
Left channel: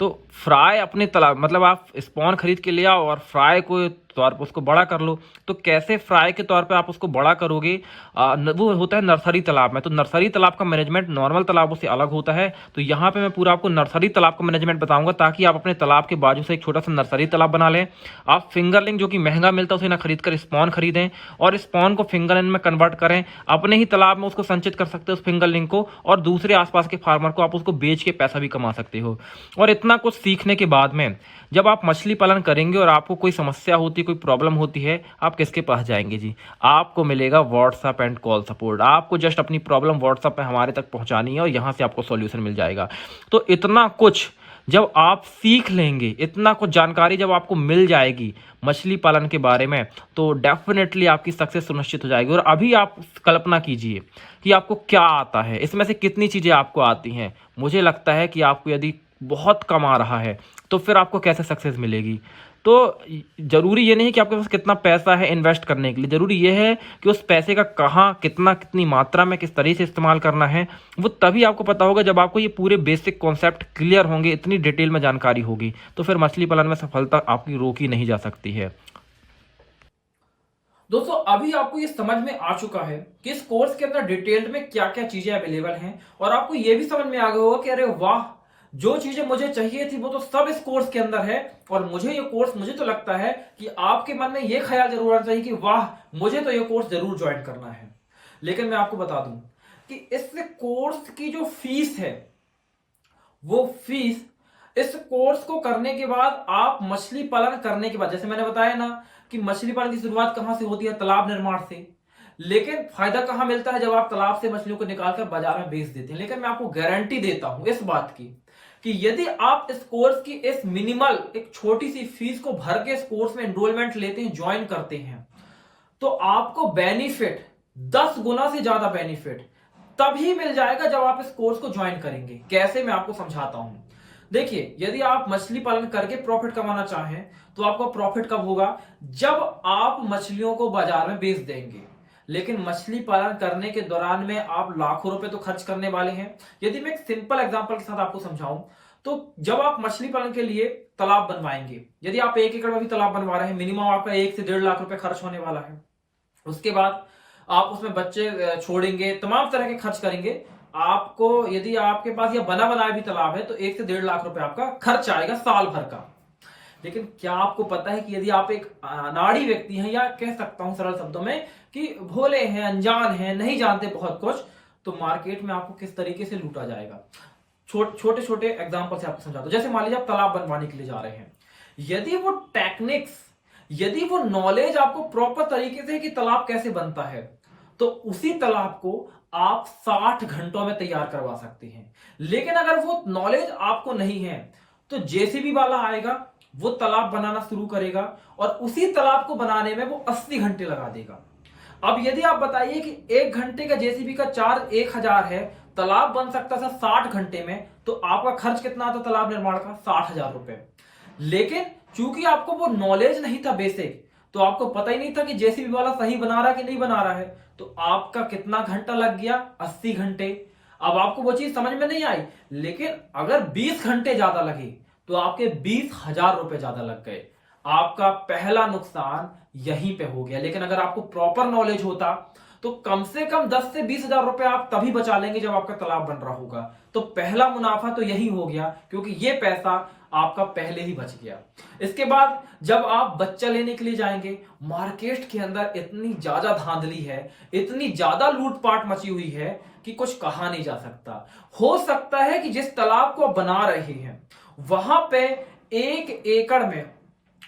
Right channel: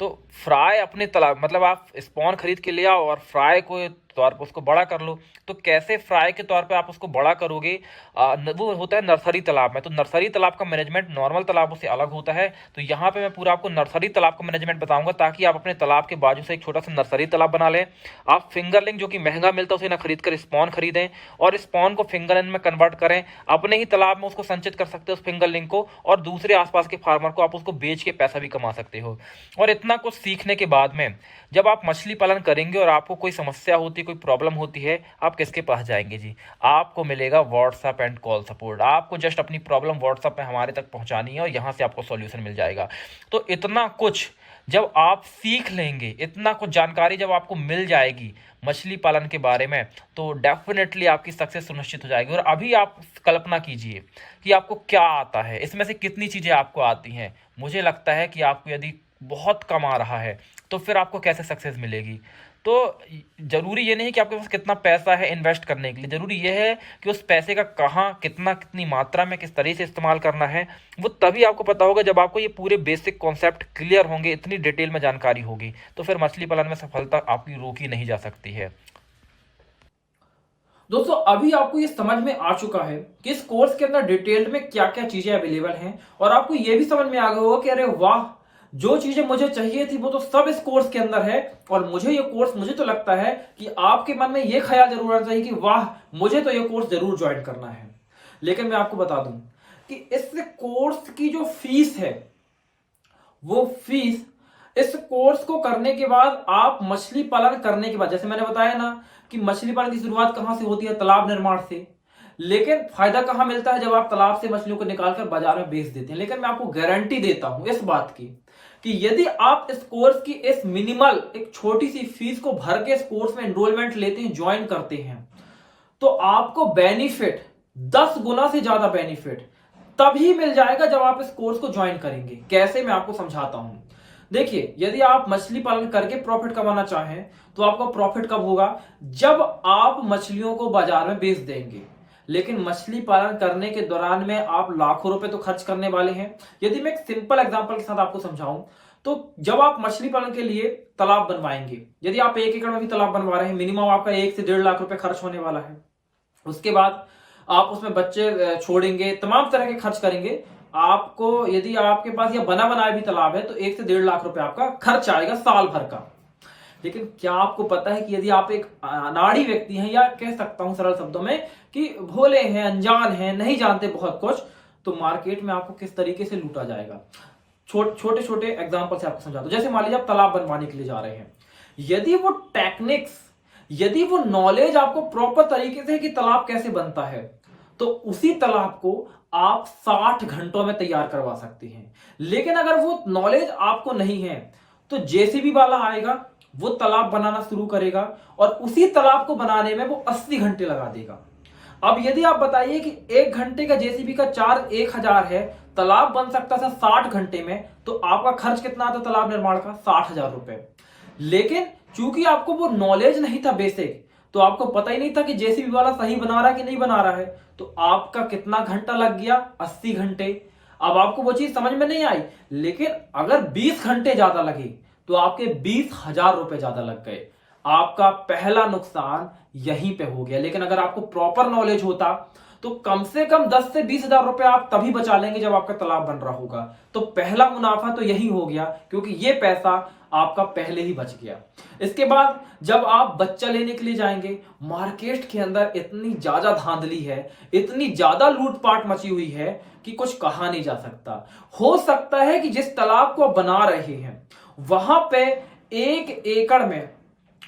तो फ्राई अपने तालाब, मतलब आप स्पॉन खरीद के ले आओ और फ्राई को तौर पर उसको बड़ा कर लो। तो कैसे फ्राई के तौर पे आप उसको बड़ा करोगे, वो होता है नर्सरी तालाब में। तो नर्सरी तालाब का मैनेजमेंट नॉर्मल तालाबों से अलग होता है। तो यहाँ पे मैं पूरा आपको नर्सरी तालाब का मैनेजमेंट बताऊंगा, ताकि आप अपने तालाब के बाजू से एक छोटा सा नर्सरी तालाब बना लें। आप फिंगरलिंग जो कि महंगा मिलता है उसे ना खरीद कर स्पॉन खरीदें और स्पॉन को फिंगरलिंग में कन्वर्ट करें। अपने ही तालाब में उसको संचित कर सकते हो उस फिंगरलिंग को, और दूसरे आसपास के फार्मर को आप उसको बेच के पैसा भी कमा सकते हो। और इतना कुछ सीखने के बाद में जब आप मछली पालन करेंगे और आपको कोई समस्या होती है, कोई प्रॉब्लम होती है, आप किसके पास जाएंगे जी? आपको मिलेगा व्हाट्सएप एंड कॉल सपोर्ट। आपको जस्ट अपनी प्रॉब्लम व्हाट्सएप पे हमारे तक पहुंचानी है और यहां से आपको सॉल्यूशन मिल जाएगा। तो इतना कुछ जब आप सीख लेंगे, इतना कुछ जानकारी जब आपको मिल जाएगी मछली पालन के बारे में, तो डेफिनेटली आपकी सक्सेस सुनिश्चित हो जाएगी। और अभी आप कल्पना कीजिए कि आपको क्या आता है, इसमें से कितनी चीजें आपको आती हैं। मुझे लगता है कि आपको यदि बहुत कम आ रहा है तो फिर आपको कैसे सक्सेस मिलेगी। तो जरूरी ये नहीं है कि आपके पास कितना पैसा है इन्वेस्ट करने के लिए, जरूरी ये है कि उस पैसे का कहाँ, कितना, कितनी मात्रा में, किस तरीके से इस्तेमाल करना है। वो तभी आपको पता होगा जब आपको ये पूरे बेसिक कॉन्सेप्ट क्लियर होंगे, इतनी डिटेल में जानकारी होगी, तो फिर मछली पालन में सफलता आपकी रोकी नहीं जा सकती है। दोस्तों, अभी आपको ये समझ में आ चुका है कि इस कोर्स के अंदर डिटेल्ड में क्या क्या चीजें अवेलेबल हैं, और आपको ये भी समझ में आ गया होगा कि अरे वाह, जो चीजें मुझे चाहिए थी वो तो सब इस कोर्स के अंदर है। और मुझे तो लगता है कि आपके मन में ये ख्याल जरूर आता है कि वाह, मुझे तो ये कोर्स जरूर ज्वाइन करना है। लेकिन मैं आपको बता दूं कि इस कोर्स की जो फीस है, वो फीस इस कोर्स को करने के बाद, आप मछली पालन करने के बाद, जैसे मैंने बताया ना कि मछली पालन की शुरुआत कहां से होती है? तालाब निर्माण से। लेकिन फायदा कहां मिलता है? जब आप तालाब से मछलियों को निकालकर बाजार में बेच देते हैं। लेकिन मैं आपको गारंटी देता हूं इस बात की कि यदि आप इस कोर्स की इस मिनिमल एक छोटी सी फीस को भर के इस कोर्स में एनरोलमेंट लेते हैं, ज्वाइन करते हैं, तो आपको बेनिफिट 10 गुना से ज्यादा बेनिफिट तभी मिल जाएगा जब आप इस कोर्स को ज्वाइन करेंगे। कैसे? मैं आपको समझाता हूं। देखिए, यदि आप मछली पालन करके प्रॉफिट कमाना चाहें तो आपको प्रॉफिट कब होगा? जब आप मछलियों को बाजार में बेच देंगे। लेकिन मछली पालन करने के दौरान में आप लाखों रुपए तो खर्च करने वाले हैं। यदि मैं एक सिंपल एग्जांपल के साथ आपको समझाऊं, तो जब आप मछली पालन के लिए तालाब बनवाएंगे, यदि आप 1 एकड़ में भी तालाब बनवा रहे हैं, मिनिमम आपका 1 से 1.5 लाख रुपए खर्च होने वाला है। उसके बाद आप उसमें बच्चे छोड़ेंगे, तमाम तरह के खर्च करेंगे। आपको, यदि आपके पास यह बना बनाया भी तालाब है, तो 1 से 1.5 लाख रुपए आपका खर्च आएगा साल भर का। लेकिन क्या आपको पता है कि यदि आप एक अनाड़ी व्यक्ति हैं, या कह सकता हूं सरल शब्दों में कि भोले हैं, अनजान हैं, नहीं जानते बहुत कुछ, तो मार्केट में आपको किस तरीके से लूटा जाएगा? छोटे छोटे एग्जांपल से आपको समझाता हूं। जैसे मान लीजिए आप तालाब बनवाने के लिए जा रहे हैं, यदि वो टेक्निक्स, यदि वो नॉलेज आपको प्रॉपर तरीके से कि तालाब कैसे बनता है, तो उसी तालाब को आप 60 घंटों में तैयार करवा सकते हैं। लेकिन अगर वो नॉलेज आपको नहीं है, तो जेसीबी वाला आएगा, वो तालाब बनाना शुरू करेगा और उसी तालाब को बनाने में वो 80 घंटे लगा देगा। अब यदि आप बताइए कि 1 घंटे का जेसीबी का चार्ज 1000 है, तालाब बन सकता था 60 घंटे में, तो आपका खर्च कितना आता तालाब निर्माण का? 60,000 रुपए। लेकिन चूंकि आपको वो नॉलेज नहीं था बेसिक, तो आपको पता ही नहीं था कि जेसीबी वाला सही बना रहा है कि नहीं बना रहा है, तो आपका कितना घंटा लग गया? 80 घंटे। अब आपको वो चीज समझ में नहीं आई। लेकिन अगर 20 घंटे ज्यादा लगे तो आपके 20,000 रुपए ज्यादा लग गए। आपका पहला नुकसान यहीं पे हो गया। लेकिन अगर आपको प्रॉपर नॉलेज होता तो कम से कम 10 से 20,000 रुपए आप तभी बचा लेंगे जब आपका तालाब बन रहा होगा। तो पहला मुनाफा तो यही हो गया, क्योंकि ये पैसा आपका पहले ही बच गया। इसके बाद जब आप बच्चा लेने के लिए जाएंगे, मार्केट के अंदर इतनी ज्यादा धांधली है, इतनी ज्यादा लूटपाट मची हुई है कि कुछ कहा नहीं जा सकता। हो सकता है कि जिस तालाब को आप बना रहे हैं वहां पे 1 एकड़ में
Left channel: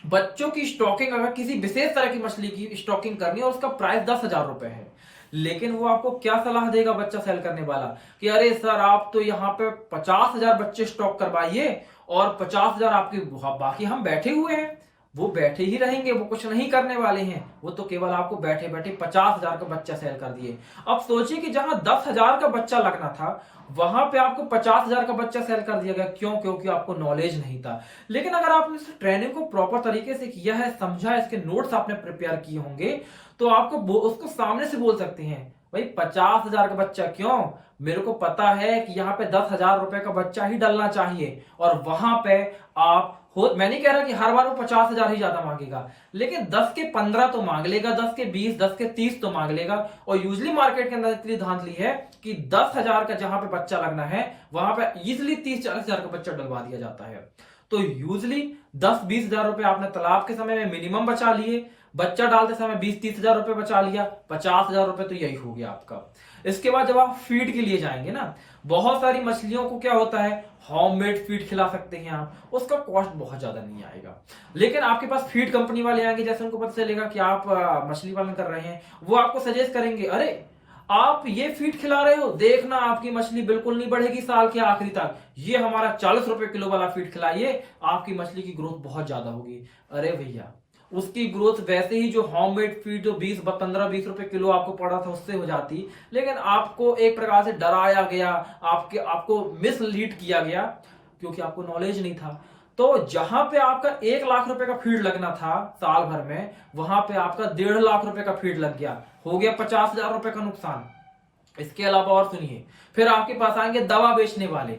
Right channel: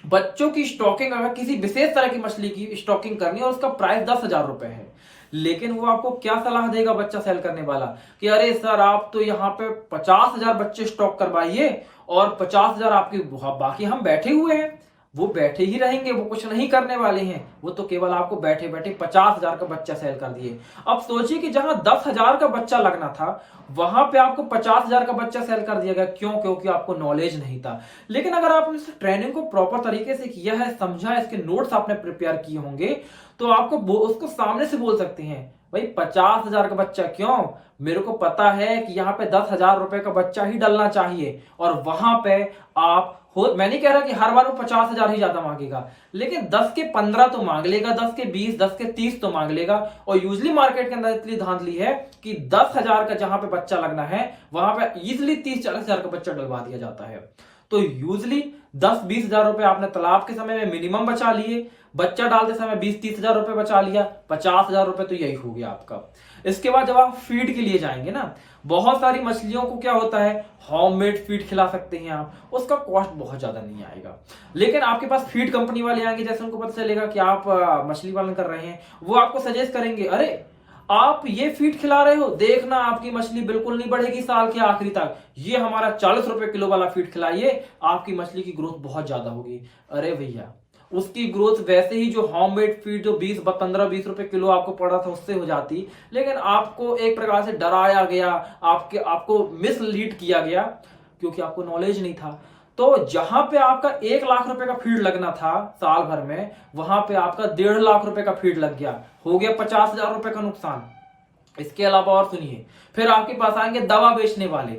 बच्चों की स्टॉकिंग, अगर किसी विशेष तरह की मछली की स्टॉकिंग करनी है और उसका प्राइस 10,000 रुपए है, लेकिन वो आपको क्या सलाह देगा बच्चा सेल करने वाला कि अरे सर, आप तो यहाँ पे 50,000 बच्चे स्टॉक करवाइए और 50,000 आपकी, बाकी हम बैठे हुए हैं, वो बैठे ही रहेंगे, वो कुछ नहीं करने वाले हैं। वो तो केवल आपको बैठे बैठे 50,000 का बच्चा सेल कर दिए। अब सोचिए कि जहां 10,000 का बच्चा लगना था, वहां पे आपको 50,000 का बच्चा सेल कर दिया गया। क्यों? क्योंकि आपको नॉलेज नहीं था। लेकिन अगर आपने इस ट्रेनिंग को प्रॉपर तरीके से किया है, समझा, इसके नोट्स आपने प्रिपेयर किए होंगे, तो आपको उसको सामने से बोल सकते हैं, भाई 50,000 का बच्चा क्यों, मेरे को पता है कि यहाँ पे 10,000 रुपए का बच्चा ही डलना चाहिए। और वहां पे आप मैं नहीं कह रहा कि हर बार वो 50,000 ही ज्यादा मांगेगा, लेकिन 10 के 15 तो मांग लेगा, 10 के 20, 10 के 30 तो मांग लेगा। और यूजली मार्केट के अंदर इतनी धांधली है कि 10,000 का जहां पे बच्चा लगना है, वहां पे इजिली 30-40,000 का बच्चा डलवा दिया जाता है। तो यूजली 10-20,000 रुपए आपने तालाब के समय में मिनिमम बचा लिए, बच्चा डालते समय 20-30,000 रुपए बचा लिया, 50,000 रुपए तो यही हो गया आपका। इसके बाद जब आप फीड के लिए जाएंगे ना, बहुत सारी मछलियों को क्या होता है, होममेड फीड खिला सकते हैं आप, उसका कॉस्ट बहुत ज्यादा नहीं आएगा। लेकिन आपके पास फीड कंपनी वाले आएंगे, जैसे उनको पता चलेगा कि आप मछली पालन कर रहे हैं, वो आपको सजेस्ट करेंगे, अरे आप ये फीड खिला रहे हो, देखना आपकी मछली बिल्कुल नहीं बढ़ेगी साल के आखिरी तक, ये हमारा 40 रुपए किलो वाला फीड खिलाइए, आपकी मछली की ग्रोथ बहुत ज्यादा होगी। अरे भैया, उसकी ग्रोथ वैसे ही जो होममेड फीड जो 15-20 रुपए किलो आपको पड़ रहा था उससे हो जाती, लेकिन आपको एक प्रकार से डराया गया, आपको मिसलीड किया गया, क्योंकि आपको नॉलेज नहीं था। तो जहां पे आपका 1 लाख रुपए का फीड लगना था साल भर में, वहां पे आपका 1.5 लाख रुपए का फीड लग गया, हो गया 50,000 रुपए का नुकसान। इसके अलावा और सुनिए, फिर आपके पास आएंगे दवा बेचने वाले,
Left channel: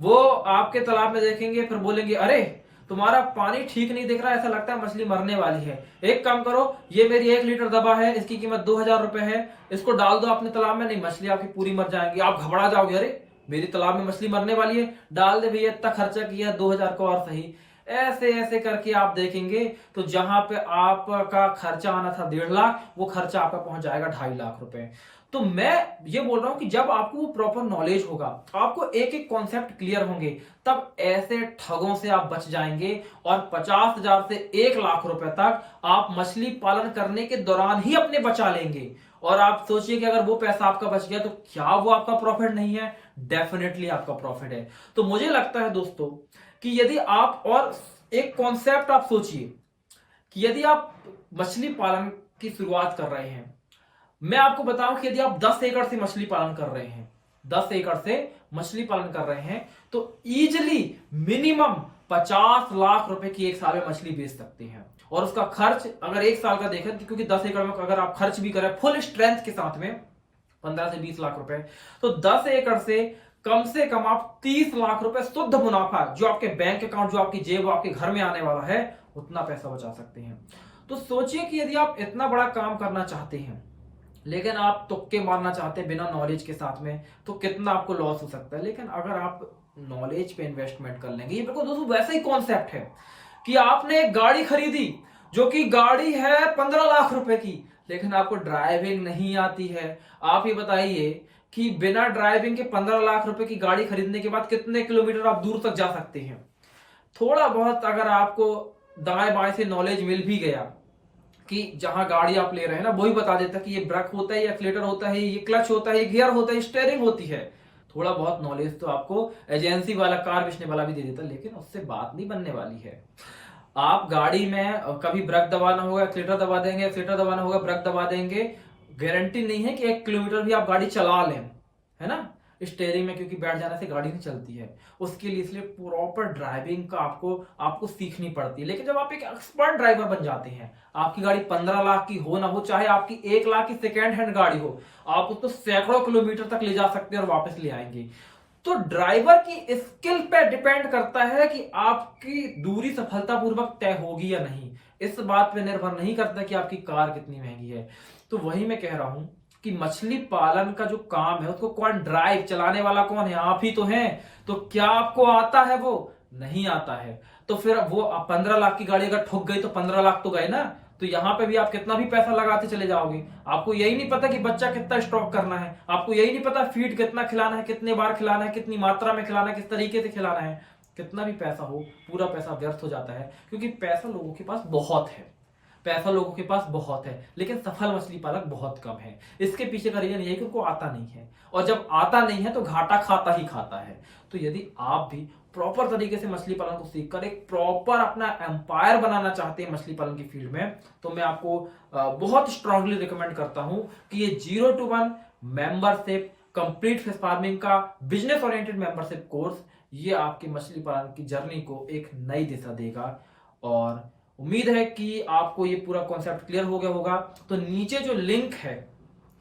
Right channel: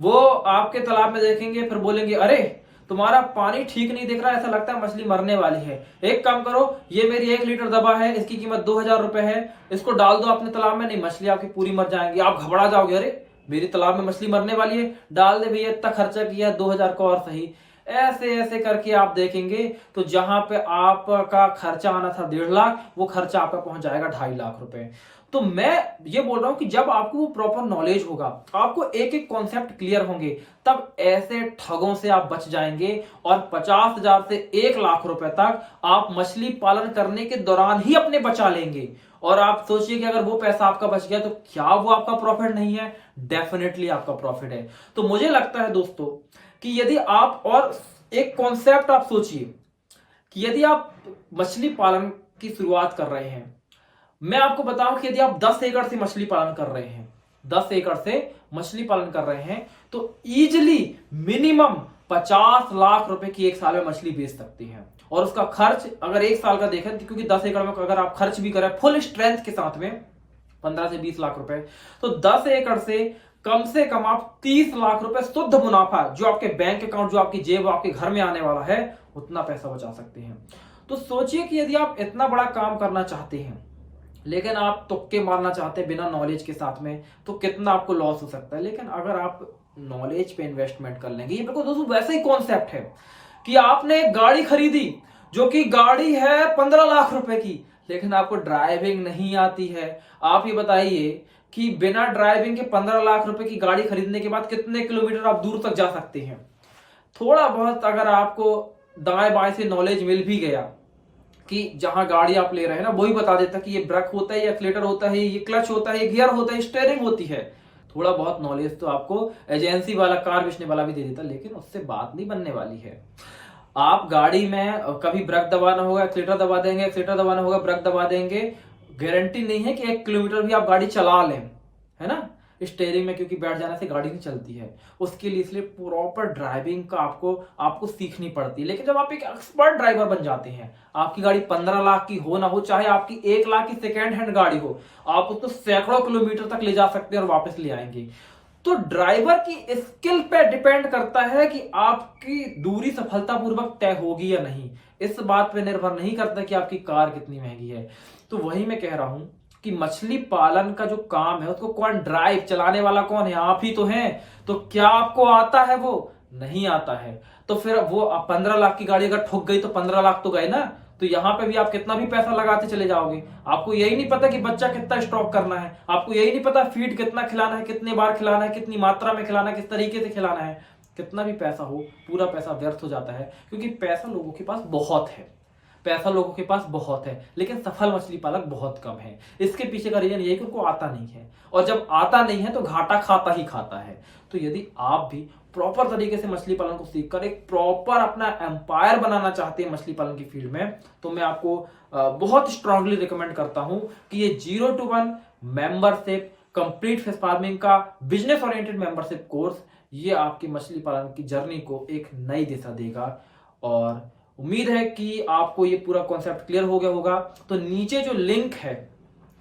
वो आपके तालाब में देखेंगे, फिर बोलेंगे, अरे तुम्हारा पानी ठीक नहीं दिख रहा, ऐसा लगता है मछली मरने वाली है, एक काम करो, ये मेरी 1 लीटर दवा है, इसकी कीमत 2,000 रुपए है, इसको डाल दो अपने तालाब में। नहीं, मछली आपकी पूरी मर जाएंगी, आप घबरा जाओगे, अरे मेरी तालाब में मछली मरने वाली है, डाल दे भैया, इतना खर्चा किया, 2,000 को और सही। ऐसे ऐसे करके आप देखेंगे तो जहां पे आपका खर्चा आना था 1.5 लाख, वो खर्चा आपका पहुंच जाएगा 2.5 लाख रुपए। तो मैं ये बोल रहा हूं कि जब आपको वो प्रॉपर नॉलेज होगा, आपको एक एक कॉन्सेप्ट क्लियर होंगे, तब ऐसे ठगों से आप बच जाएंगे और 50,000 से 1 लाख रुपए तक आप मछली पालन करने के दौरान ही अपने बचा लेंगे। और आप सोचिए कि अगर वो पैसा आपका बच गया तो क्या वो आपका प्रॉफिट नहीं है? डेफिनेटली आपका प्रॉफिट है। तो मुझे लगता है दोस्तों कि यदि आप, और एक कॉन्सेप्ट आप सोचिए कि यदि आप मछली पालन की शुरुआत कर रहे हैं, मैं आपको बताऊं कि यदि आप 10 एकड़ से मछली पालन कर रहे हैं, 10 एकड़ से मछली पालन कर रहे हैं, तो इजिली मिनिमम 50 लाख रुपए की एक साल में मछली बेच सकते हैं। और उसका खर्च अगर एक साल का देखें, क्योंकि 10 एकड़ में अगर आप खर्च भी करें फुल स्ट्रेंथ के साथ में 15 से 20 लाख रुपए, तो 10 एकड़ से कम आप 30 लाख रुपए शुद्ध मुनाफा, जो आपके बैंक अकाउंट, जो आपकी जेब, आपके घर में आने वाला है, उतना पैसा बचा सकते हैं। तो सोचिए कि यदि आप इतना बड़ा काम करना चाहते हैं, लेकिन आप तुक्के मारना चाहते हैं बिना नॉलेज के साथ में, तो कितना आपको लॉस हो सकता है। लेकिन अगर आप नॉलेज पे इन्वेस्टमेंट कर लेंगे, ये बिल्कुल दोस्तों वैसा ही कॉन्सेप्ट है कि आपने एक गाड़ी खरीदी, जो कि गाड़ी है 15 लाख रुपए की, लेकिन आपको ड्राइविंग नहीं आती है। आप ये बताइए कि बिना ड्राइविंग के 15 लाख रुपए की गाड़ी खरीदने के बाद कितने किलोमीटर आप दूर तक जा सकते हैं? थोड़ा बहुत अगर आपको दाएं बाएं से नॉलेज मिल भी गया कि जहां गाड़ी आप ले रहे हैं ना, वही बता देता कि ये ब्रेक होता है, ये एक्सीलरेटर होता है, ये क्लच होता है, ये गियर होता है, स्टीयरिंग होती है। थोड़ा बहुत नॉलेज तो आपको एजेंसी वाला, कार बेचने वाला भी दे देता, लेकिन उससे बात नहीं बनने वाली है। आप गाड़ी में कभी ब्रेक दबाना होगा, एक्सीलरेटर दबा देंगे, एक्सीलरेटर दबाना होगा, ब्रेक दबा देंगे, गारंटी नहीं है कि 1 किलोमीटर भी आप गाड़ी चला लें, है ना। स्टीयरिंग में क्योंकि बैठ जाने से गाड़ी नहीं चलती है, उसके लिए इसलिए प्रॉपर ड्राइविंग का आपको सीखनी पड़ती है। लेकिन जब आप एक एक्सपर्ट ड्राइवर बन जाते हैं, आपकी गाड़ी 15 लाख की हो ना हो, चाहे आपकी 1 लाख की सेकेंड हैंड गाड़ी हो, आप उसको सैकड़ों किलोमीटर तक ले जा सकते हैं और वापस ले आएंगे। तो ड्राइवर की स्किल पे डिपेंड करता है कि आपकी दूरी सफलतापूर्वक तय होगी या नहीं। इस बात पे निर्भर नहीं करता कि आपकी कार कितनी महंगी है। तो वही मैं कह रहा हूं कि मछली पालन का जो काम है, उसको कौन ड्राइव, चलाने वाला कौन है? आप ही तो हैं। तो क्या आपको आता है? वो नहीं आता है। तो फिर वो 15 लाख की गाड़ी अगर ठुक गई तो 15 लाख तो गए ना। तो यहां पे भी आप कितना भी पैसा लगाते चले जाओगे, आपको यही नहीं पता कि बच्चा कितना स्टॉक करना है, आपको यही नहीं पता फीड कितना खिलाना है, कितने बार खिलाना है, कितनी मात्रा में खिलाना है, किस तरीके से खिलाना है। कितना भी पैसा हो, पूरा पैसा व्यर्थ हो जाता है, क्योंकि पैसा लोगों के पास बहुत है। पैसा लोगों के पास बहुत है, लेकिन सफल मछली पालक बहुत कम है। इसके पीछे का रीजन ये है कि उनको आता नहीं है, और जब आता नहीं है तो घाटा खाता ही खाता है। तो यदि आप भी प्रॉपर तरीके से मछली पालन को सीखकर एक प्रॉपर अपना एम्पायर बनाना चाहते हैं मछली पालन की फील्ड में, तो मैं आपको बहुत स्ट्रांगली रिकमेंड करता हूं कि ये 0 to 1 membership complete fish farming का बिजनेस ओरिएंटेड मेंबरशिप कोर्स, ये आपकी मछली पालन की जर्नी को एक नई दिशा देगा। और उम्मीद है कि आपको ये पूरा कॉन्सेप्ट क्लियर हो गया होगा। तो नीचे जो लिंक है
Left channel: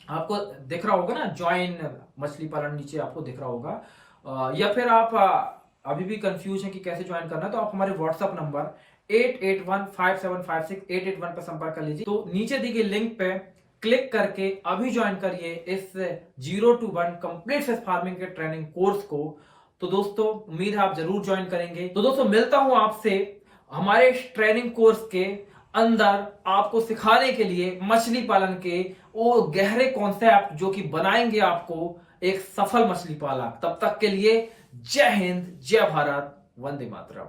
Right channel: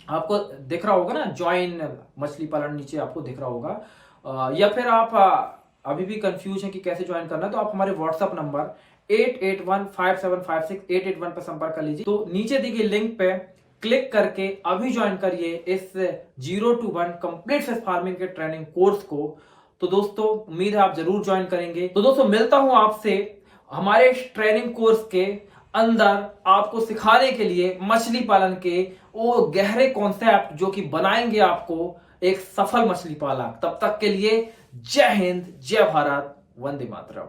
आपको दिख रहा होगा ना, ज्वाइन मछली पालन, नीचे आपको दिख रहा होगा। या फिर आप अभी भी कंफ्यूज हैं कि कैसे ज्वाइन करना है, तो आप हमारे व्हाट्सएप नंबर 8815756881 पर संपर्क कर लीजिए। तो नीचे दी गई लिंक पे क्लिक करके अभी ज्वाइन करिए इस 0 to 1 कंप्लीट फिश फार्मिंग के ट्रेनिंग कोर्स को। तो दोस्तों उम्मीद है आप जरूर ज्वाइन करेंगे। तो दोस्तों मिलता हूं आपसे हमारे ट्रेनिंग कोर्स के अंदर आपको सिखाने के लिए मछली पालन के वो गहरे कॉन्सेप्ट जो कि बनाएंगे आपको एक सफल मछली पालक। तब तक के लिए जय हिंद, जय भारत, वंदे मातरम।